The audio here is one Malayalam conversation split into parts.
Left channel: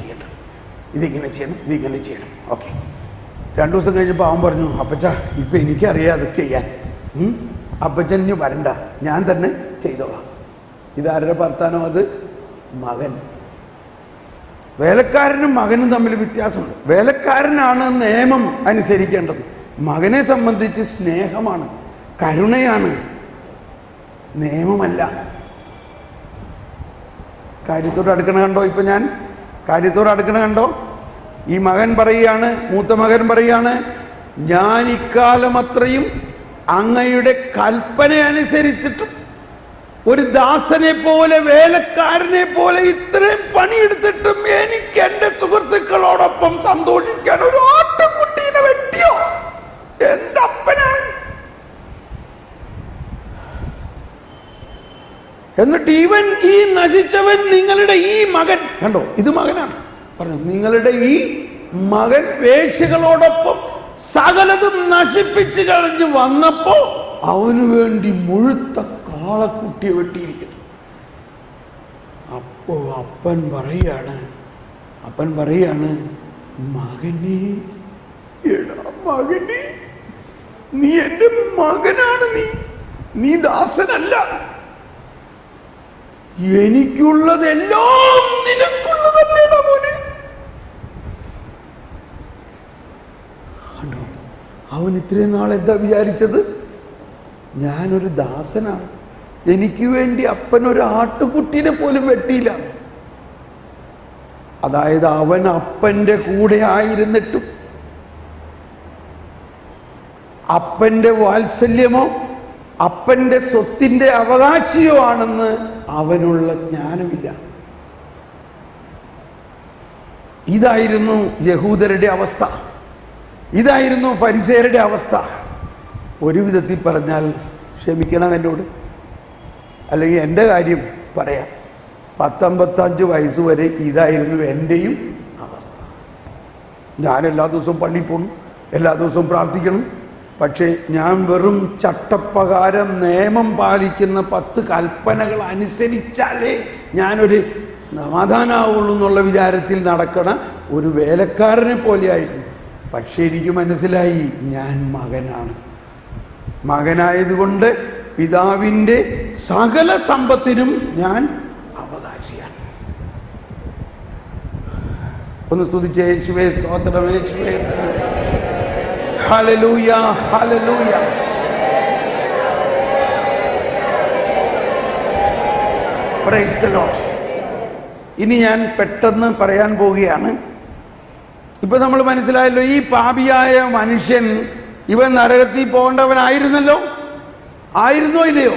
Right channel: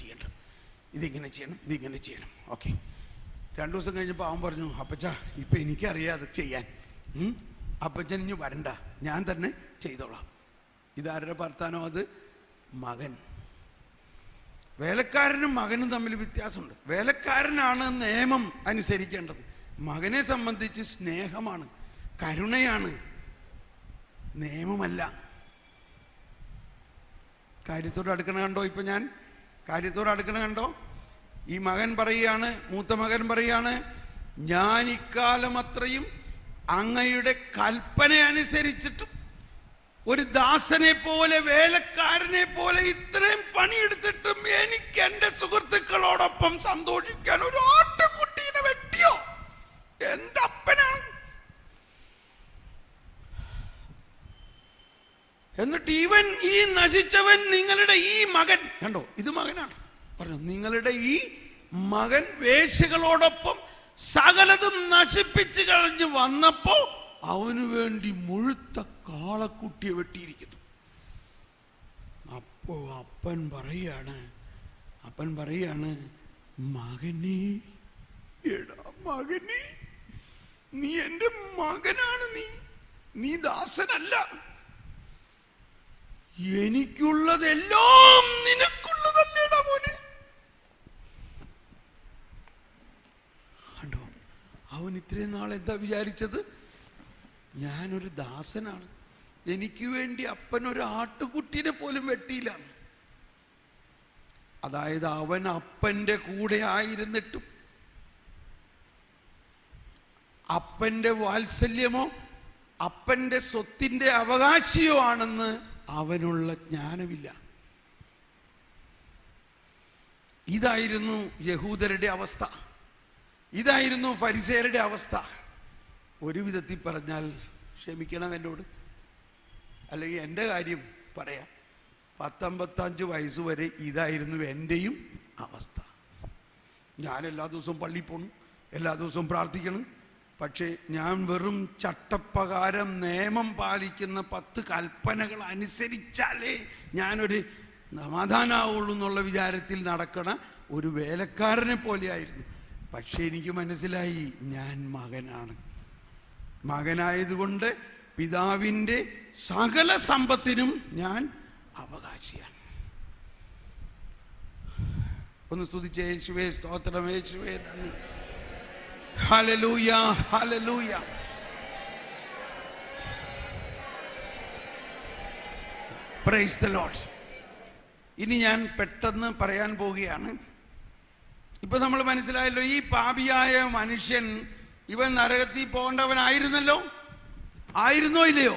ചെയ്യേണ്ടത്, ഇതിങ്ങനെ ചെയ്യണം, ഇതിങ്ങനെ ചെയ്യണം. ഓക്കെ. 2 ദിവസം കഴിഞ്ഞപ്പോൾ അവൻ പറഞ്ഞു, അപ്പച്ച ഇപ്പം എനിക്കറിയാം അത് ചെയ്യാൻ, അപ്പച്ചൻ ഇനി വരണ്ട, ഞാൻ തന്നെ ചെയ്തോളാം. ഇതാരുടെ വർത്താനം? അത് മകൻ. വേലക്കാരനും മകനും തമ്മിൽ വ്യത്യാസമുണ്ട്. വേലക്കാരനാണ് നിയമം അനുസരിക്കേണ്ടത്, മകനെ സംബന്ധിച്ച് സ്നേഹമാണ്, കരുണയാണ്, നിയമമല്ല. കാര്യത്തോട് അടുക്കണ കണ്ടോ? ഇപ്പൊ ഞാൻ കാര്യത്തോട് അടുക്കണ കണ്ടോ? ഈ മകൻ പറയുകയാണ്, മൂത്ത മകൻ പറയുകയാണ്, ഞാൻ ഇക്കാലം അത്രയും അങ്ങയുടെ കൽപ്പന അനുസരിച്ചിട്ടും ഒരു ദാസനെ പോലെ, വേലക്കാരനെ പോലെ ഇത്രയും പണിയെടുത്തിട്ടും എനിക്ക് എന്റെ സുഹൃത്തുക്കളോടൊപ്പം സന്തോഷിക്കാൻ ഒരു ആട്ടുകുട്ടീനെ വെട്ടിയോ? എന്റെ അപ്പനാണ്. എന്നിട്ട് ഇവൻ, ഈ നശിച്ചവൻ, നിങ്ങളുടെ ഈ മകൻ കണ്ടോ, ഇത് മകനാണ് പറഞ്ഞു, നിങ്ങളുടെ ഈ മകൻ വേശ്യകളോടൊപ്പം സകലതും നശിപ്പിച്ചു കളഞ്ഞ് വന്നപ്പോ അവന് വേണ്ടി മുഴുത്ത കാളക്കുട്ടിയെ വെട്ടിയിരിക്കുന്നു. അപ്പോ അപ്പൻ പറയാണ്, മകനെ, എടാ മകനെ, നീ എന്റെ മകനാണ്, നീ ദാസനല്ല, എനിക്കുള്ളതെല്ലാം നിനക്കുള്ളതല്ലേടാ മോനെ. അവൻ ഇത്രയും നാൾ എന്താ വിചാരിച്ചത്? ഞാനൊരു ദാസനാണ്, എനിക്ക് വേണ്ടി അപ്പൻ ഒരു ആട്ടുകുട്ടീനെ പോലും വെട്ടിയില്ല. അതായത് അവൻ അപ്പന്റെ കൂടെ ആയിരുന്നിട്ടും അപ്പന്റെ വാത്സല്യമോ അപ്പന്റെ സ്വത്തിന്റെ അവകാശിയോ ആണെന്ന് അവനുള്ള ജ്ഞാനമില്ല. ഇതായിരുന്നു യഹൂദരുടെ അവസ്ഥ, ഇതായിരുന്നു ഫരിസേയരുടെ അവസ്ഥ. ഒരു വിധത്തിൽ പറഞ്ഞാൽ, ക്ഷമിക്കണം എന്നോട്, അല്ലെങ്കിൽ എൻ്റെ കാര്യം പറയാം, 10-55 വയസ്സ് വരെ ഇതായിരുന്നു എൻ്റെയും അവസ്ഥ. ഞാൻ എല്ലാ ദിവസവും പള്ളിയിൽ പോകണം, എല്ലാ ദിവസവും പ്രാർത്ഥിക്കണം, പക്ഷേ ഞാൻ വെറും ചട്ടപ്രകാരം നിയമം പാലിക്കുന്ന 10 കൽപ്പനകൾ അനുസരിച്ചാലേ ഞാനൊരു സമാധാനമാവുള്ളൂ എന്നുള്ള വിചാരത്തിൽ നടക്കണ ഒരു വേലക്കാരനെ പോലെയായിരുന്നു. പക്ഷേ എനിക്ക് മനസ്സിലായി, ഞാൻ മകനാണ്. മകനായതുകൊണ്ട് പിതാവിൻ്റെ സകല സമ്പത്തിനും ഞാൻ അവകാശിയാണ്. ഒന്ന് സ്തുതിച്ച് യേശുവേ സ്തോത്രം, യേശുവേ hallelujah, hallelujah. Price the Lord. ഇനി ഞാൻ പെട്ടെന്ന് പറയാൻ പോവുകയാണ്. ഇപ്പൊ നമ്മൾ മനസ്സിലായല്ലോ, ഈ പാപിയായ മനുഷ്യൻ ഇവൻ നരകത്തിൽ പോകേണ്ടവനായിരുന്നല്ലോ, ആയിരുന്നോ ഇല്ലയോ?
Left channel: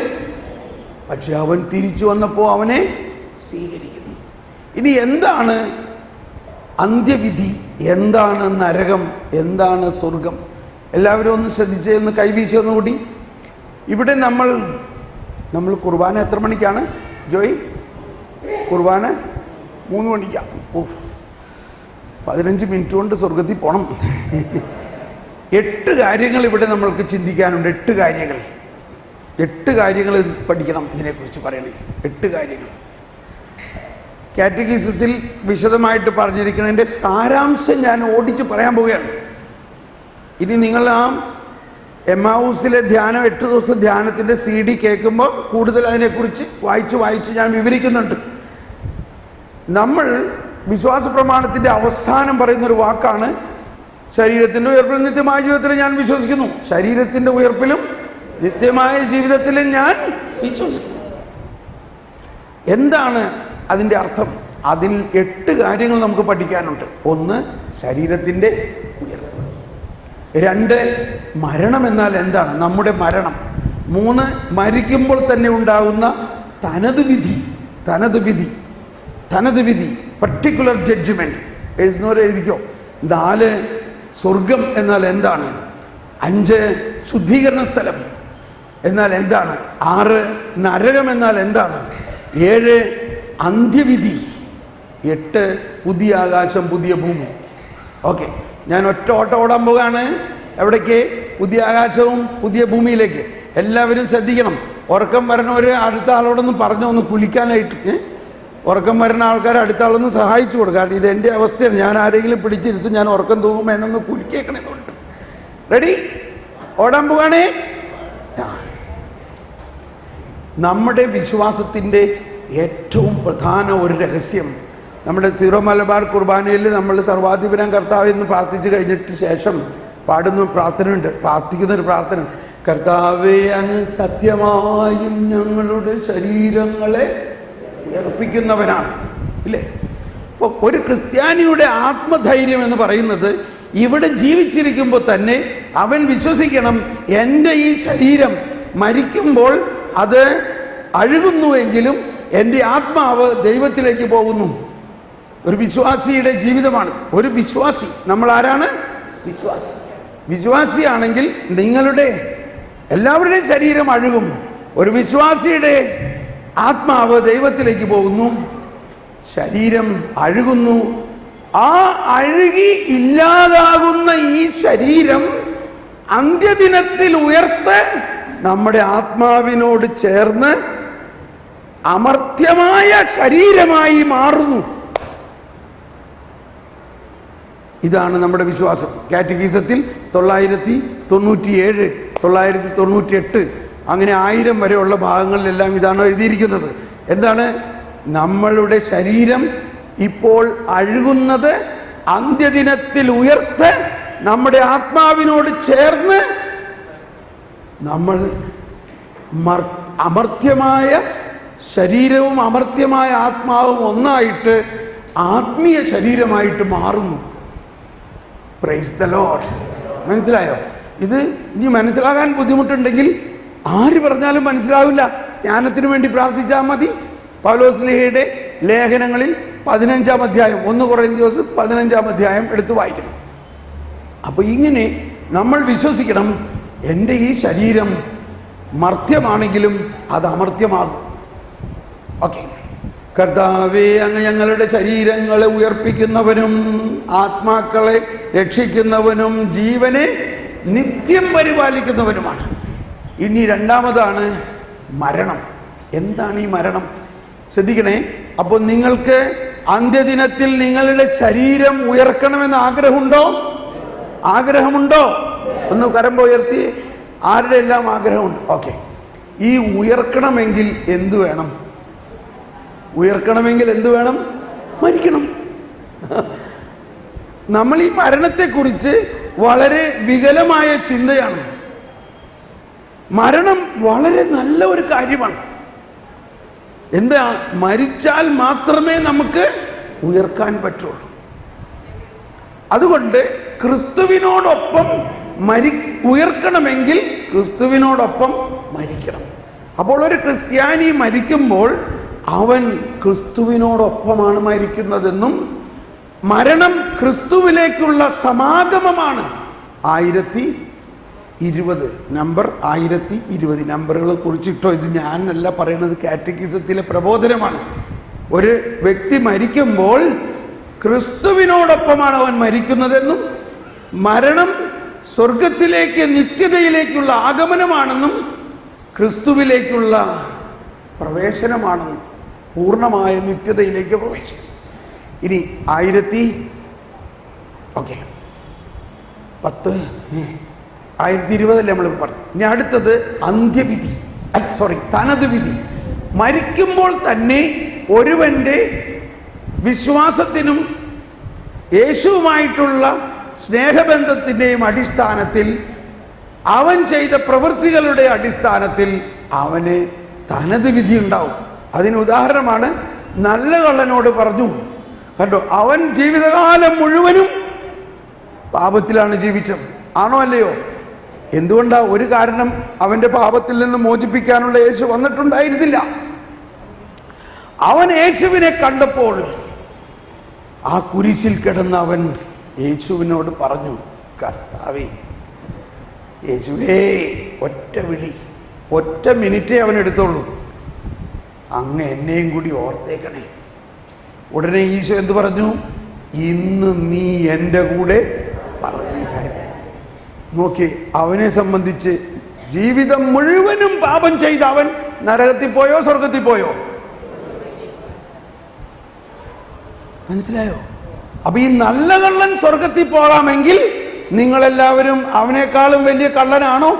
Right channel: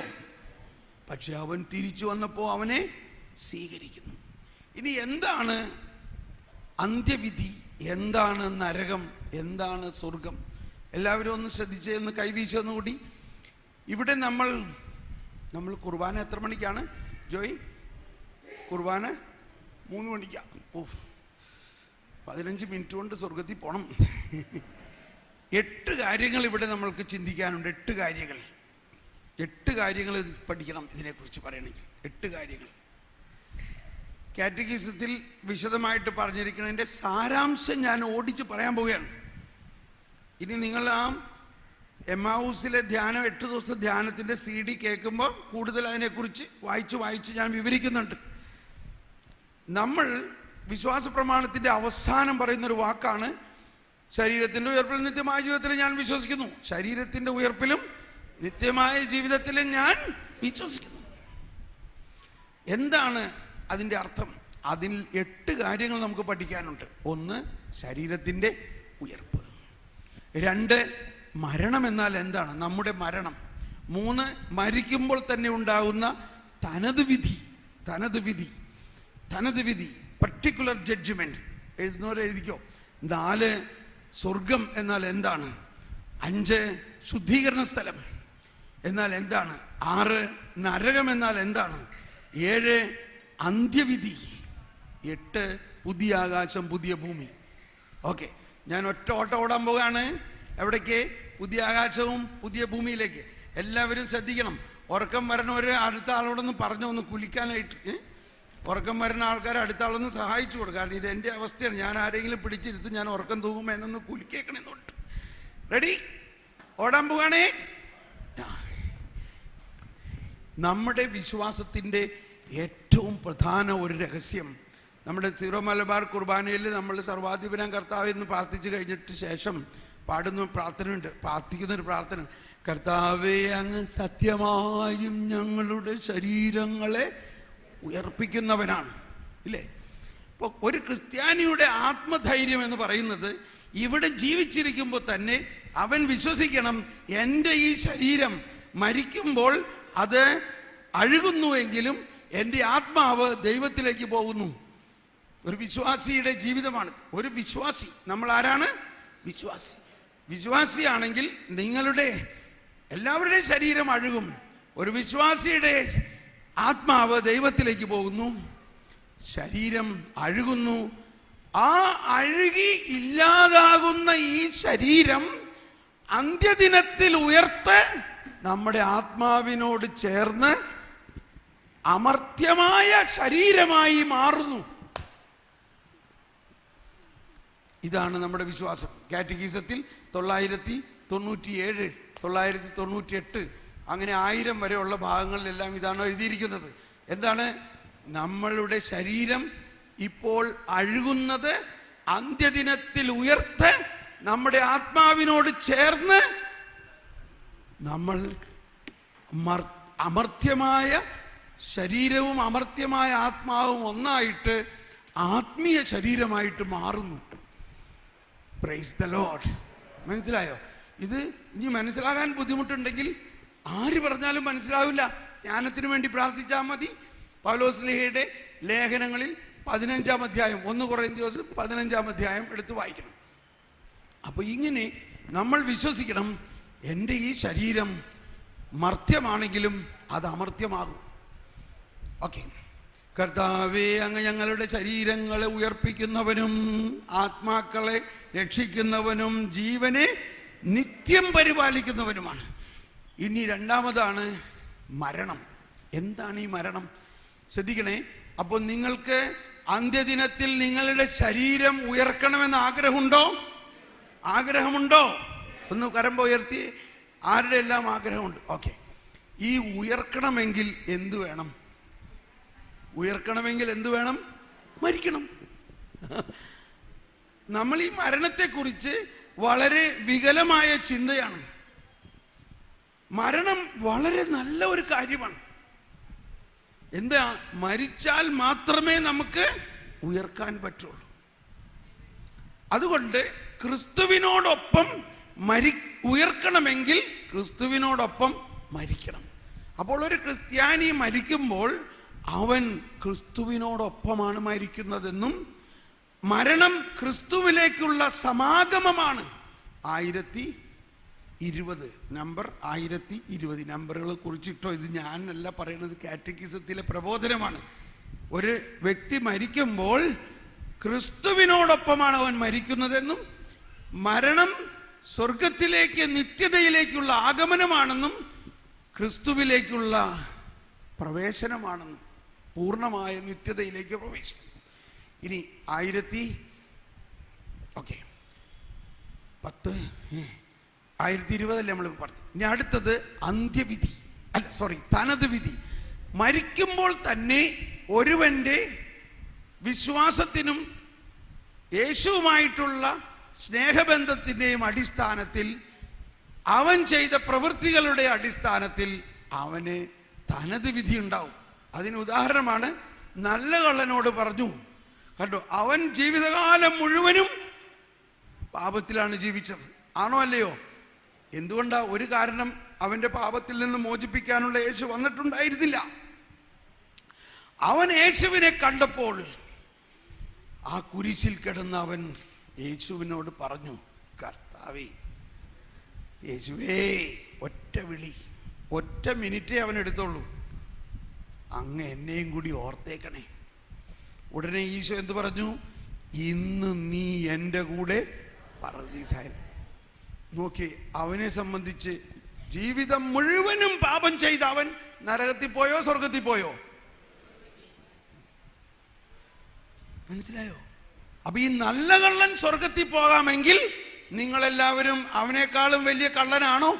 പക്ഷെ അവൻ തിരിച്ചു വന്നപ്പോൾ അവനെ സ്വീകരിക്കുന്നു. ഇനി എന്താണ് അന്ത്യവിധി? എന്താണ് നരകം? എന്താണ് സ്വർഗം? എല്ലാവരും ഒന്ന് ശ്രദ്ധിച്ച് ഒന്ന് കൈവീശി ഒന്നുകൂടി. ഇവിടെ നമ്മൾ കുർബാന എത്ര മണിക്കാണ് ജോയ്? കുർബാന 3 മണിക്കാണ്. 15 മിനിറ്റ് കൊണ്ട് സ്വർഗത്തിൽ പോകണം. 8 കാര്യങ്ങൾ ഇവിടെ നമ്മൾക്ക് ചിന്തിക്കാനുണ്ട്. 8 കാര്യങ്ങൾ പഠിക്കണം ഇതിനെക്കുറിച്ച് പറയണമെങ്കിൽ. 8 കാര്യങ്ങൾ കാറ്റഗിസത്തിൽ വിശദമായിട്ട് പറഞ്ഞിരിക്കുന്നതിൻ്റെ സാരാംശം ഞാൻ ഓടിച്ച് പറയാൻ പോവുകയാണ്. ഇനി നിങ്ങൾ ആ എമ്മാവൂസിലെ ധ്യാനം, 8 ദിവസം ധ്യാനത്തിൻ്റെ CD കേൾക്കുമ്പോൾ കൂടുതൽ അതിനെക്കുറിച്ച് വായിച്ച് ഞാൻ വിവരിക്കുന്നുണ്ട്. നമ്മൾ വിശ്വാസ പ്രമാണത്തിൻ്റെ അവസാനം പറയുന്നൊരു വാക്കാണ്, ശരീരത്തിൻ്റെ ഉയർപ്പിൽ നിത്യമായ ജീവിതത്തിൽ ഞാൻ വിശ്വസിക്കുന്നു. ശരീരത്തിൻ്റെ ഉയർപ്പിലും നിത്യമായ ജീവിതത്തിലും ഞാൻ വിശ്വസിക്കുന്നു. എന്താണ് അതിൻ്റെ അർത്ഥം? അതിൽ 8 കാര്യങ്ങൾ നമുക്ക് പഠിക്കാനുണ്ട്. 1, ശരീരത്തിൻ്റെ ഉയർപ്പ്. 2, മരണം എന്നാൽ എന്താണ്, നമ്മുടെ മരണം. 3, മരിക്കുമ്പോൾ തന്നെ ഉണ്ടാകുന്ന തനത് വിധി, പർട്ടിക്കുലർ ജഡ്ജ്മെന്റ്. എഴുതുന്നവരെ എഴുതിക്കോ. 4, സ്വർഗം എന്നാൽ എന്താണ്. 5, ശുദ്ധീകരണ സ്ഥലം എന്നാൽ എന്താണ്. 6, നരകം എന്നാൽ എന്താണ്. 7, അന്ത്യവിധി. 8, പുതിയ ആകാശം പുതിയ ഭൂമി. ഓക്കെ, ഞാൻ ഒറ്റ ഓട്ടം ഓടാൻ പോവുകയാണ്. എവിടേക്ക്? പുതിയ ആകാശവും പുതിയ ഭൂമിയിലേക്ക്. എല്ലാവരും ശ്രദ്ധിക്കണം. ഉറക്കം വരണവര് അടുത്ത ആളോടൊന്ന് പറഞ്ഞു ഒന്ന് കുളിക്കാനായിട്ട്. ഉറക്കം വരുന്ന ആൾക്കാർ അടുത്ത ആളൊന്ന് സഹായിച്ചു കൊടുക്കുക. കാരണം ഇത് എൻ്റെ അവസ്ഥയാണ്. ഞാൻ ആരെങ്കിലും പിടിച്ചിരുത്ത് ഞാൻ ഉറക്കം തൂങ്ങുമ്പോൾ എന്നൊന്ന് കുലുക്കേക്കണമെന്നുണ്ട്. റെഡി? ഓടാൻ പോവാണേ. നമ്മുടെ വിശ്വാസത്തിൻ്റെ ഏറ്റവും പ്രധാന ഒരു രഹസ്യം, നമ്മുടെ സീറോ മലബാർ കുർബാനയിൽ നമ്മൾ സർവാധിപനം കർത്താവ് എന്ന് പ്രാർത്ഥിച്ചു കഴിഞ്ഞിട്ട് ശേഷം പാടുന്ന പ്രാർത്ഥനയുണ്ട്, പ്രാർത്ഥിക്കുന്നൊരു പ്രാർത്ഥന, കർത്താവേ അങ്ങ് സത്യമായും ഞങ്ങളുടെ ശരീരങ്ങളെ ഉയർപ്പിക്കുന്നവനാണ്, ഇല്ലേ? അപ്പോൾ ഒരു ക്രിസ്ത്യാനിയുടെ ആത്മധൈര്യം എന്ന് പറയുന്നത് ഇവിടെ ജീവിച്ചിരിക്കുമ്പോൾ തന്നെ അവൻ വിശ്വസിക്കണം, എൻ്റെ ഈ ശരീരം മരിക്കുമ്പോൾ അത് അഴുകുന്നുവെങ്കിലും എൻ്റെ ആത്മാവ് ദൈവത്തിലേക്ക് പോകുന്നു. ഒരു വിശ്വാസിയുടെ ജീവിതമാണ്. ഒരു വിശ്വാസി, നമ്മൾ ആരാണ്? വിശ്വാസി. വിശ്വാസിയാണെങ്കിൽ നിങ്ങളുടെ എല്ലാവരുടെയും ശരീരം അഴുകും, ഒരു വിശ്വാസിയുടെ ആത്മാവ് ദൈവത്തിലേക്ക് പോകുന്നു, ശരീരം അഴുകുന്നു. ആ അഴുകി ഇല്ലാതാകുന്ന ഈ ശരീരം അന്ത്യദിനത്തിൽ ഉയർത്ത് നമ്മുടെ ആത്മാവിനോട് ചേർന്ന് അമർത്യമായ ശരീരമായി മാറുന്നു. ഇതാണ് നമ്മുടെ വിശ്വാസം. കാറ്റഗീസത്തിൽ 997, 998 അങ്ങനെ 1000 വരെയുള്ള ഭാഗങ്ങളിലെല്ലാം ഇതാണ് എഴുതിയിരിക്കുന്നത്. എന്താണ്? നമ്മളുടെ ശരീരം ഇപ്പോൾ അഴുകുന്നത് അന്ത്യദിനത്തിൽ ഉയർത്ത് നമ്മുടെ ആത്മാവിനോട് ചേർന്ന് നമ്മൾ അമർത്യമായ ശരീരവും അമർത്യമായ ആത്മാവും ഒന്നായിട്ട് ആത്മീയ ശരീരമായിട്ട് മാറുന്നു. Praise the Lord. മനസ്സിലായോ? ഇത് ഇനി മനസ്സിലാകാൻ ബുദ്ധിമുട്ടുണ്ടെങ്കിൽ ആര് പറഞ്ഞാലും മനസ്സിലാവില്ല. ജ്ഞാനത്തിന് വേണ്ടി പ്രാർത്ഥിച്ചാൽ മതി. പൗലോസ്ലീഹയുടെ ലേഖനങ്ങളിൽ 15-ാം അധ്യായം, 1 കൊറിന്ത്യസ് 15-ാം അധ്യായം എടുത്ത് വായിക്കണം. അപ്പോൾ ഇങ്ങനെ നമ്മൾ വിശ്വസിക്കണം, എൻ്റെ ഈ ശരീരം മർത്യമാണെങ്കിലും അത് അമർത്യമാകും. ഓക്കെ. കർത്താവേ അങ്ങ് ഞങ്ങളുടെ ശരീരങ്ങളെ ഉയർപ്പിക്കുന്നവനും ആത്മാക്കളെ രക്ഷിക്കുന്നവനും ജീവനെ നിത്യം പരിപാലിക്കുന്നവനുമാണ്. ഇനി രണ്ടാമതാണ് മരണം. എന്താണ് ഈ മരണം? ശ്രദ്ധിക്കണേ. അപ്പോൾ നിങ്ങൾക്ക് അന്ത്യദിനത്തിൽ നിങ്ങളുടെ ശരീരം ഉയർക്കണമെന്ന് ആഗ്രഹമുണ്ടോ? ആഗ്രഹമുണ്ടോ? ഒന്ന് കരം ഉയർത്തി. ആരുടെ എല്ലാം ആഗ്രഹമുണ്ട്? ഓക്കെ. ഈ ഉയർക്കണമെങ്കിൽ എന്തു വേണം? ഉയർക്കണമെങ്കിൽ എന്തു വേണം? മരിക്കണം. നമ്മൾ ഈ മരണത്തെക്കുറിച്ച് വളരെ വികലമായ ചിന്തയാണ്. മരണം വളരെ നല്ല ഒരു കാര്യമാണ്. എന്താ? മരിച്ചാൽ മാത്രമേ നമുക്ക് ഉയർക്കാൻ പറ്റുള്ളൂ. അതുകൊണ്ട് ക്രിസ്തുവിനോടൊപ്പം ഉയർക്കണമെങ്കിൽ ക്രിസ്തുവിനോടൊപ്പം മരിക്കണം. അപ്പോൾ ഒരു ക്രിസ്ത്യാനി മരിക്കുമ്പോൾ അവൻ ക്രിസ്തുവിനോടൊപ്പമാണ് മരിക്കുന്നതെന്നും മരണം ക്രിസ്തുവിലേക്കുള്ള സമാഗമമാണ്. 1020 നമ്പർ 1020 നമ്പറുകളെ കുറിച്ചിട്ടോ, ഇത് ഞാനല്ല പറയുന്നത്, കാറ്റഗിസത്തിലെ പ്രബോധനമാണ്. ഒരു വ്യക്തി മരിക്കുമ്പോൾ ക്രിസ്തുവിനോടൊപ്പമാണ് അവൻ മരിക്കുന്നതെന്നും മരണം സ്വർഗത്തിലേക്ക് നിത്യതയിലേക്കുള്ള ആഗമനമാണെന്നും ക്രിസ്തുവിലേക്കുള്ള പ്രവേശനമാണെന്നും പൂർണ്ണമായ നിത്യതയിലേക്ക് പ്രവേശിക്കും. ഇനി 1020 നമ്മൾ പറഞ്ഞു. ഇനി അടുത്തത് അന്ത്യവിധി, തനത് വിധി. മരിക്കുമ്പോൾ തന്നെ ഒരുവന്റെ വിശ്വാസത്തിനും യേശുവുമായിട്ടുള്ള സ്നേഹബന്ധത്തിൻ്റെയും അടിസ്ഥാനത്തിൽ, അവൻ ചെയ്ത പ്രവൃത്തികളുടെ അടിസ്ഥാനത്തിൽ അവന് തനത് വിധി ഉണ്ടാവും. അതിന് ഉദാഹരണമാണ്, നല്ല കള്ളനോട് പറഞ്ഞു, കണ്ടോ, അവൻ ജീവിതകാലം മുഴുവനും പാപത്തിലാണ് ജീവിച്ചത്. ആണോ അല്ലയോ? എന്തുകൊണ്ടാ? ഒരു കാരണം, അവന്റെ പാപത്തിൽ നിന്ന് മോചിപ്പിക്കാനുള്ള യേശു വന്നിട്ടുണ്ടായിരുന്നില്ല. അവൻ യേശുവിനെ കണ്ടപ്പോൾ ആ കുരിശിൽ കിടന്ന് അവൻ യേശുവിനോട് പറഞ്ഞു, കർത്താവേ, യേശുവേ, ഒറ്റ വിളി, ഒറ്റ മിനിറ്റേ അവൻ എടുത്തോളൂ, അങ്ങ് എന്നെയും കൂടി ഓർത്തേക്കണേ. ഉടനെ ഈശോ എന്ത് പറഞ്ഞു? ഇന്ന് നീ എൻ്റെ കൂടെ പറദീസയിൽ. നോക്കി, അവനെ സംബന്ധിച്ച് ജീവിതം മുഴുവനും പാപം ചെയ്ത അവൻ നരകത്തിൽ പോയോ സ്വർഗത്തിൽ പോയോ? മനസ്സിലായോ? അപ്പൊ ഈ നല്ല കള്ളൻ സ്വർഗത്തിൽ പോകാമെങ്കിൽ നിങ്ങളെല്ലാവരും അവനേക്കാളും വലിയ കള്ളനാണോ?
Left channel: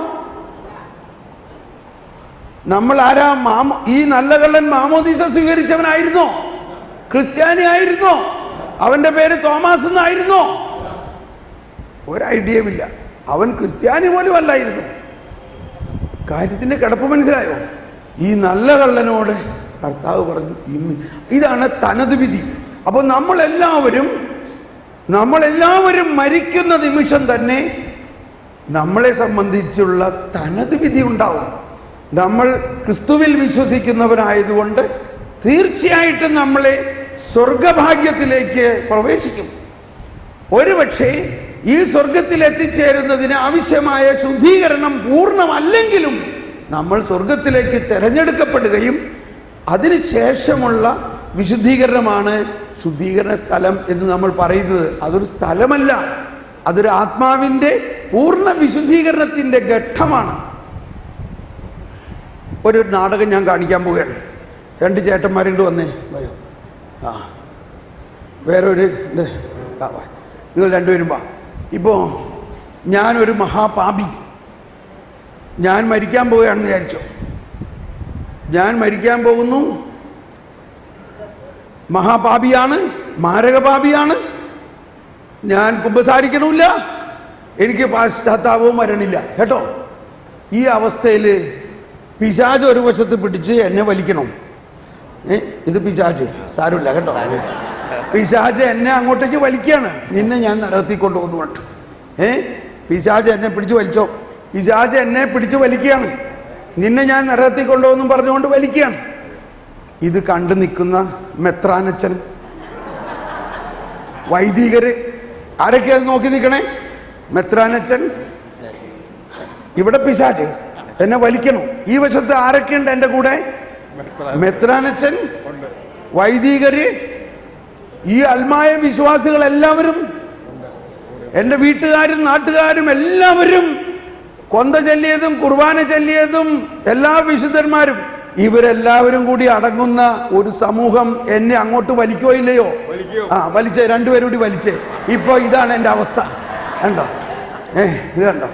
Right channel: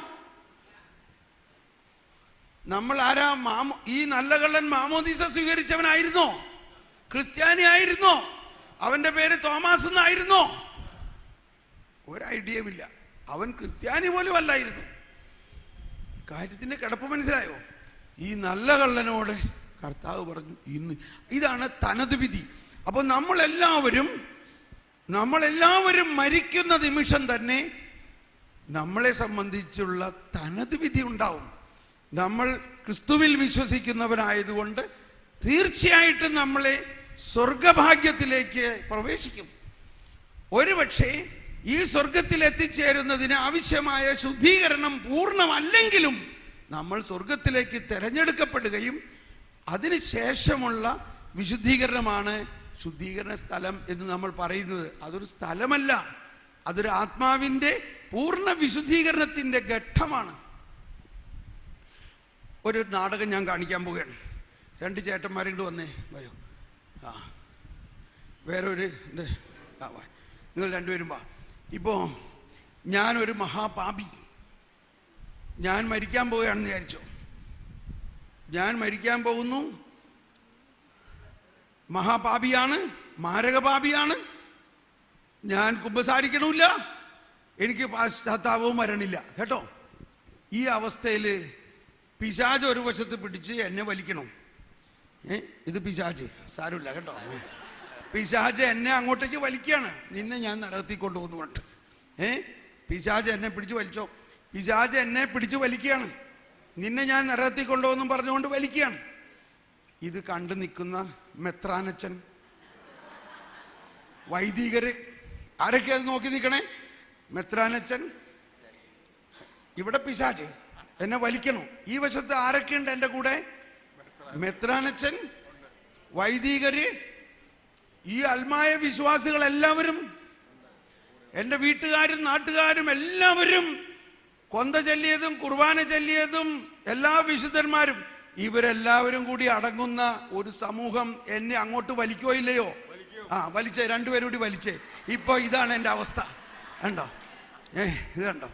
നമ്മൾ ആരാ? ഈ നല്ല കള്ളൻ മാമോദീസ സ്വീകരിച്ചവനായിരുന്നോ? ക്രിസ്ത്യാനി ആയിരുന്നോ? അവന്റെ പേര് തോമസ് എന്നായിരുന്നോ? ഒരു ഐഡിയയുമില്ല. അവൻ ക്രിസ്ത്യാനി പോലും അല്ലായിരുന്നു. കാര്യത്തിന്റെ കിടപ്പ് മനസ്സിലായോ? ഈ നല്ല കള്ളനോട് കർത്താവ് പറഞ്ഞു ഇന്ന് ഇതാണ് തനത് വിധി. അപ്പൊ നമ്മളെല്ലാവരും മരിക്കുന്ന നിമിഷം തന്നെ നമ്മളെ സംബന്ധിച്ചുള്ള തനത് വിധി ഉണ്ടാവും. നമ്മൾ ക്രിസ്തുവിൽ വിശ്വസിക്കുന്നവരായതുകൊണ്ട് തീർച്ചയായിട്ടും നമ്മളെ സ്വർഗഭാഗ്യത്തിലേക്ക് പ്രവേശിക്കും. ഒരുപക്ഷെ ഈ സ്വർഗത്തിൽ എത്തിച്ചേരുന്നതിന് ആവശ്യമായ ശുദ്ധീകരണം പൂർണ്ണമല്ലെങ്കിലും നമ്മൾ സ്വർഗത്തിലേക്ക് തിരഞ്ഞെടുക്കപ്പെടുകയും അതിനുശേഷമുള്ള വിശുദ്ധീകരണമാണ് ശുദ്ധീകരണ സ്ഥലം എന്ന് നമ്മൾ പറയുന്നത്. അതൊരു സ്ഥലമല്ല, അതൊരു ആത്മാവിൻ്റെ പൂർണ്ണ വിശുദ്ധീകരണത്തിൻ്റെ ഘട്ടമാണ്. ഒരു നാടകം ഞാൻ കാണിക്കാൻ പോവുകയാണ്. 2 ചേട്ടന്മാരുണ്ട്, വന്നേ വരൂ. വേറൊരു നിങ്ങൾ രണ്ടുപേരും വാ. ഇപ്പോൾ ഞാനൊരു മഹാപാപി, ഞാൻ മരിക്കാൻ പോവുകയാണെന്ന് വിചാരിച്ചു. ഞാൻ മരിക്കാൻ പോകുന്നു, മഹാപാപിയാണ്, മാരകപാപിയാണ്, ഞാൻ കുമ്പസാരിക്കണമില്ല, എനിക്ക് പാശ്ചാത്താപവും വരണില്ല കേട്ടോ. ഈ അവസ്ഥയിൽ പിശാച് ഒരു വശത്ത് പിടിച്ച് എന്നെ വലിക്കണം. ഇത് പിശാച്, സാരമില്ല കേട്ടോ. പിശാച് എന്നെ അങ്ങോട്ടേക്ക് വലിക്കുകയാണ്. നിന്നെ ഞാൻ നരകത്തിൽ കൊണ്ടുപോകുന്നു കേട്ടോ. പിശാച് എന്നെ പിടിച്ചു വലിച്ചോ. പിശാച് എന്നെ പിടിച്ചു വലിക്കുകയാണ്. നിന്നെ ഞാൻ നരകത്തിൽ കൊണ്ടുപോകുന്നു പറഞ്ഞുകൊണ്ട് വലിക്കുകയാണ്. ഇത് കണ്ടു നിൽക്കുന്ന മെത്രാനച്ചൻ, വൈദികര്, ആരൊക്കെയാ നോക്കി നിൽക്കണേ? മെത്രാനച്ചൻ, ഇവിടെ പിശാച് എന്നെ വലിക്കണം. ഈ വശത്ത് ആരൊക്കെയുണ്ട് എൻ്റെ കൂടെ? മെത്രാനച്ചൻ, വൈദികര്, ഈ അൽമായ വിശ്വാസികൾ എല്ലാവരും, എൻ്റെ വീട്ടുകാരും നാട്ടുകാരും എല്ലാവരും, കൊന്ത ചൊല്ലിയതും കുർബാന ചൊല്ലിയതും എല്ലാ വിശുദ്ധന്മാരും, ഇവരെല്ലാവരും കൂടി അടങ്ങുന്ന ഒരു സമൂഹം എന്നെ അങ്ങോട്ട് വലിക്കോ ഇല്ലയോ? വലിച്ചേ, രണ്ടുപേരും കൂടി വലിച്ചേ. ഇപ്പൊ ഇതാണ് എൻ്റെ അവസ്ഥ, കണ്ടോ? ഇത് കണ്ടോ?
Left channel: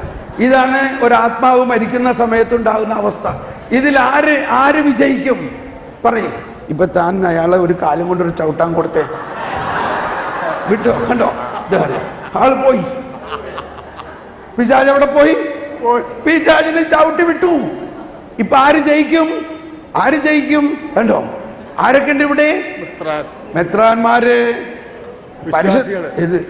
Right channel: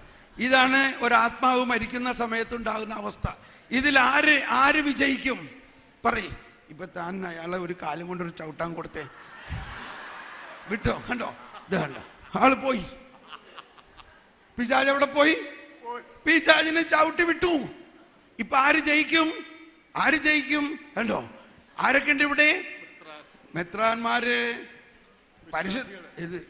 ഇതാണ് ഒരാത്മാവ് മരിക്കുന്ന സമയത്തുണ്ടാകുന്ന അവസ്ഥ. ഇതിൽ ആര് വിജയിക്കും പറയേ? ഇപ്പൊ താൻ അയാളെ ഒരു കാലം കൊണ്ടൊരു ചവിട്ടാൻ കൊടുത്തേ, വിട്ടോ? കണ്ടോ? ഇതാണ് ആള് പോയി. പിശാച് അവിടെ പോയി, പിശാചിനെ ചവിട്ടി വിട്ടു. ഇപ്പൊ ആര് ജയിക്കും? കണ്ടോ? ആരൊക്കെ ഉണ്ട് ഇവിടെ? മെത്രാന്മാര്,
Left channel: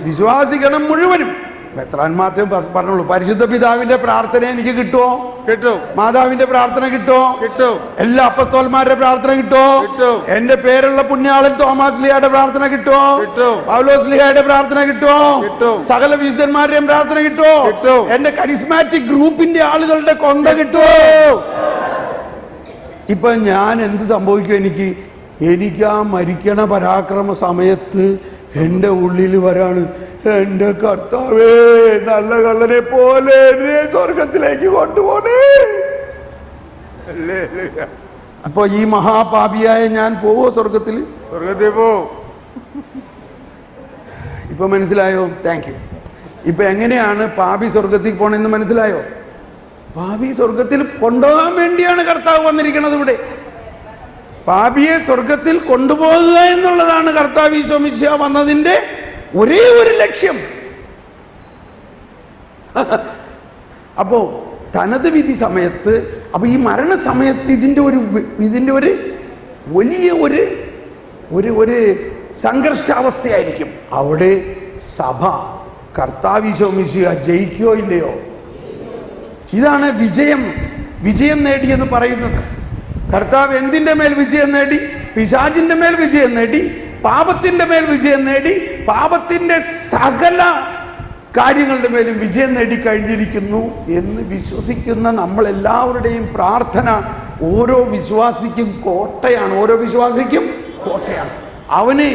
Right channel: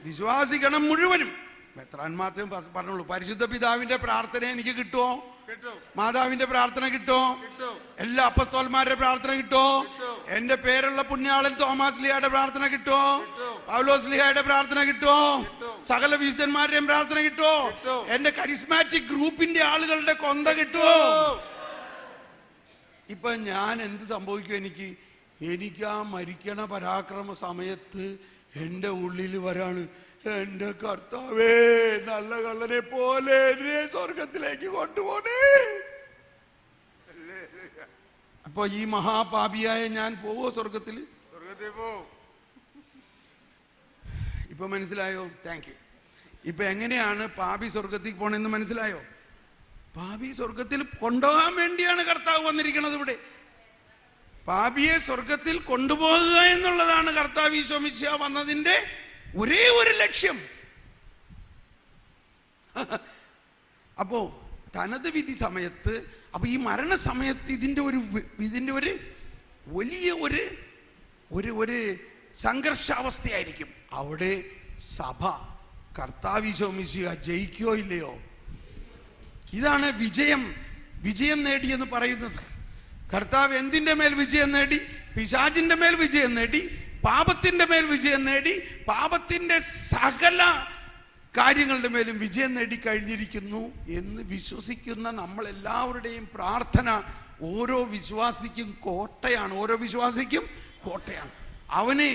വിശ്വാസിഗണം മുഴുവനും. മെത്രാന്മാർക്കും പറഞ്ഞോളൂ, പരിശുദ്ധ പിതാവിന്റെ പ്രാർത്ഥന എനിക്ക് കിട്ടുമോ? കിട്ടും. മാതാവിന്റെ പ്രാർത്ഥന കിട്ടുമോ? കിട്ടും. എല്ലാ അപ്പസ്തോലന്മാരുടെ പ്രാർത്ഥന കിട്ടുമോ? കിട്ടും. എന്റെ പേരുള്ള പുണ്യാളൻ തോമസ് ലിയായുടെ പ്രാർത്ഥന കിട്ടുമോ? കിട്ടും. പൗലോസ് ലിയായുടെ പ്രാർത്ഥന കിട്ടുമോ? കിട്ടും. സകല വിശുദ്ധന്മാരുടെയും പ്രാർത്ഥന കിട്ടുമോ? കിട്ടും. എന്റെ കരിസ്മാറ്റിക് ഗ്രൂപ്പിന്റെ ആളുകളുടെ കൊന്ത കിട്ടുമോ? ഇപ്പൊ ഞാൻ എന്ത് സംഭവിക്കും? എനിക്ക് ആ മരിക്കണ പരാക്രമ സമയത്ത് എൻ്റെ ഉള്ളിൽ വരാണ്, എൻ്റെ കർത്താവേ, നല്ല കള്ളനെ പോലെ എന്നെ സ്വർഗത്തിലേക്ക് കൊണ്ടുപോണേ. അപ്പൊ ഈ മഹാപാപിയായ ഞാൻ പോവോ സ്വർഗത്തിൽ? പോ. ഇപ്പൊ മനസ്സിലായോ? Thank you. ഇപ്പൊ എങ്ങനെയാണ് പാപി സ്വർഗത്തിൽ പോണെന്ന് മനസ്സിലായോ? പാപി സ്വർഗത്തിൽ കൊണ്ടുപോകാൻ വേണ്ടിയാണ് കർത്താവ് വന്നിരിക്കുന്നത്. ഇവിടെ പാപിയെ സ്വർഗത്തിൽ കൊണ്ടുപോകുക എന്നുള്ളതാണ് കർത്താവ് ഈശോ മിശിഹാ വന്നതിന്റെ ഒരേ ഒരു ലക്ഷ്യം. അപ്പോ തനത് വിധി സമയത്ത്, അപ്പൊ ഈ മരണസമയത്ത് ഇതിന്റെ ഒരു വലിയ ഒരു സംഘർഷാവസ്ഥയായിരിക്കും. അവിടെ സഭ കർത്താവ് ഈശോ മിശിഹാ ജയിക്കുകയോ ഇല്ലയോ? ഇതാണ് വിജയം നേടിയെന്ന് പറയുന്നത്. കർത്താവ് എന്തിന്റെ മേൽ വിജയം നേടി? പിശാചിന്റെ മേൽ വിജയം നേടി, പാപത്തിന്റെ മേൽ വിജയം നേടി, പാപത്തിന്റെ സകല കാര്യങ്ങളുടെ മേലും വിജയം നേടി കഴിഞ്ഞിരിക്കുന്നു എന്ന് വിശ്വസിക്കുന്ന നമ്മളെല്ലാവരുടെയും പ്രാർത്ഥന ഓരോ വിശ്വാസിക്കും കോട്ടയാണ്. അവന്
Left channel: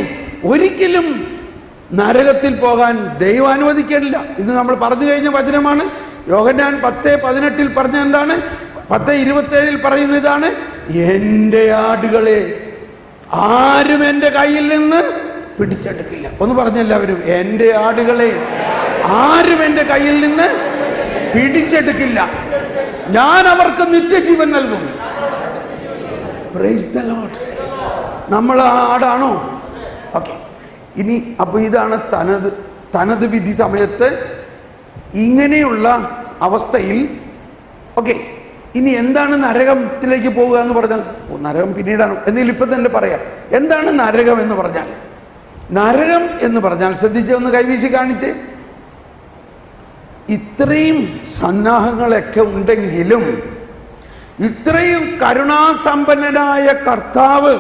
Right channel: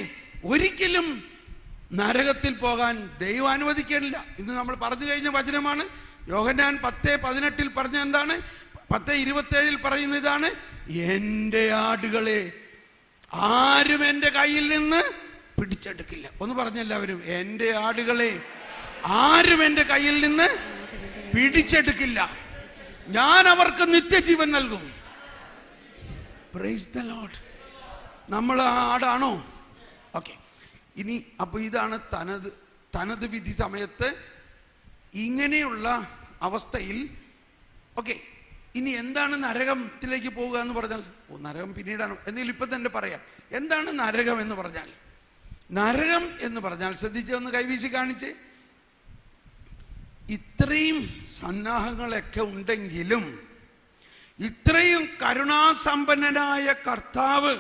ഒരിക്കലും നരകത്തിൽ പോകാൻ ദൈവം അനുവദിക്കില്ല. ഇത് നമ്മൾ പറഞ്ഞു കഴിഞ്ഞ വചനമാണ്. യോഹന്നാൻ 10:18 പറഞ്ഞ എന്താണ്? 10:27 പറയുന്ന ഇതാണ്, എൻ്റെ ആടുകളെ ആരും എൻ്റെ കയ്യിൽ നിന്ന് പിടിച്ചെടുക്കില്ല. ഒന്ന് പറഞ്ഞെല്ലാവരും, എൻ്റെ ആടുകളെ ആരും എൻ്റെ കയ്യിൽ നിന്ന് പിടിച്ചെടുക്കില്ല, ഞാൻ അവർക്ക് നിത്യജീവൻ നൽകും. Praise the Lord. നമ്മൾ ആ ആടാണോ? ഓക്കെ. ഇനി അപ്പോൾ ഇതാണ് തനത് വിധി സമയത്ത് ഇങ്ങനെയുള്ള അവസ്ഥയിൽ. ഓക്കെ, ഇനി എന്താണ് നരകത്തിലേക്ക് പോകുക എന്ന് പറഞ്ഞാൽ? നരകം പിന്നീടാണ്, എന്തെങ്കിലും ഇപ്പം തന്നെ പറയാം. എന്താണ് നരകം എന്ന് പറഞ്ഞാൽ? നരകം എന്ന് പറഞ്ഞാൽ, ശ്രദ്ധിച്ച് ഒന്ന് കൈവീശി കാണിച്ച്, ഇത്രയും സന്നാഹങ്ങളൊക്കെ ഉണ്ടെങ്കിലും, ഇത്രയും കരുണാസമ്പന്നനായ കർത്താവ്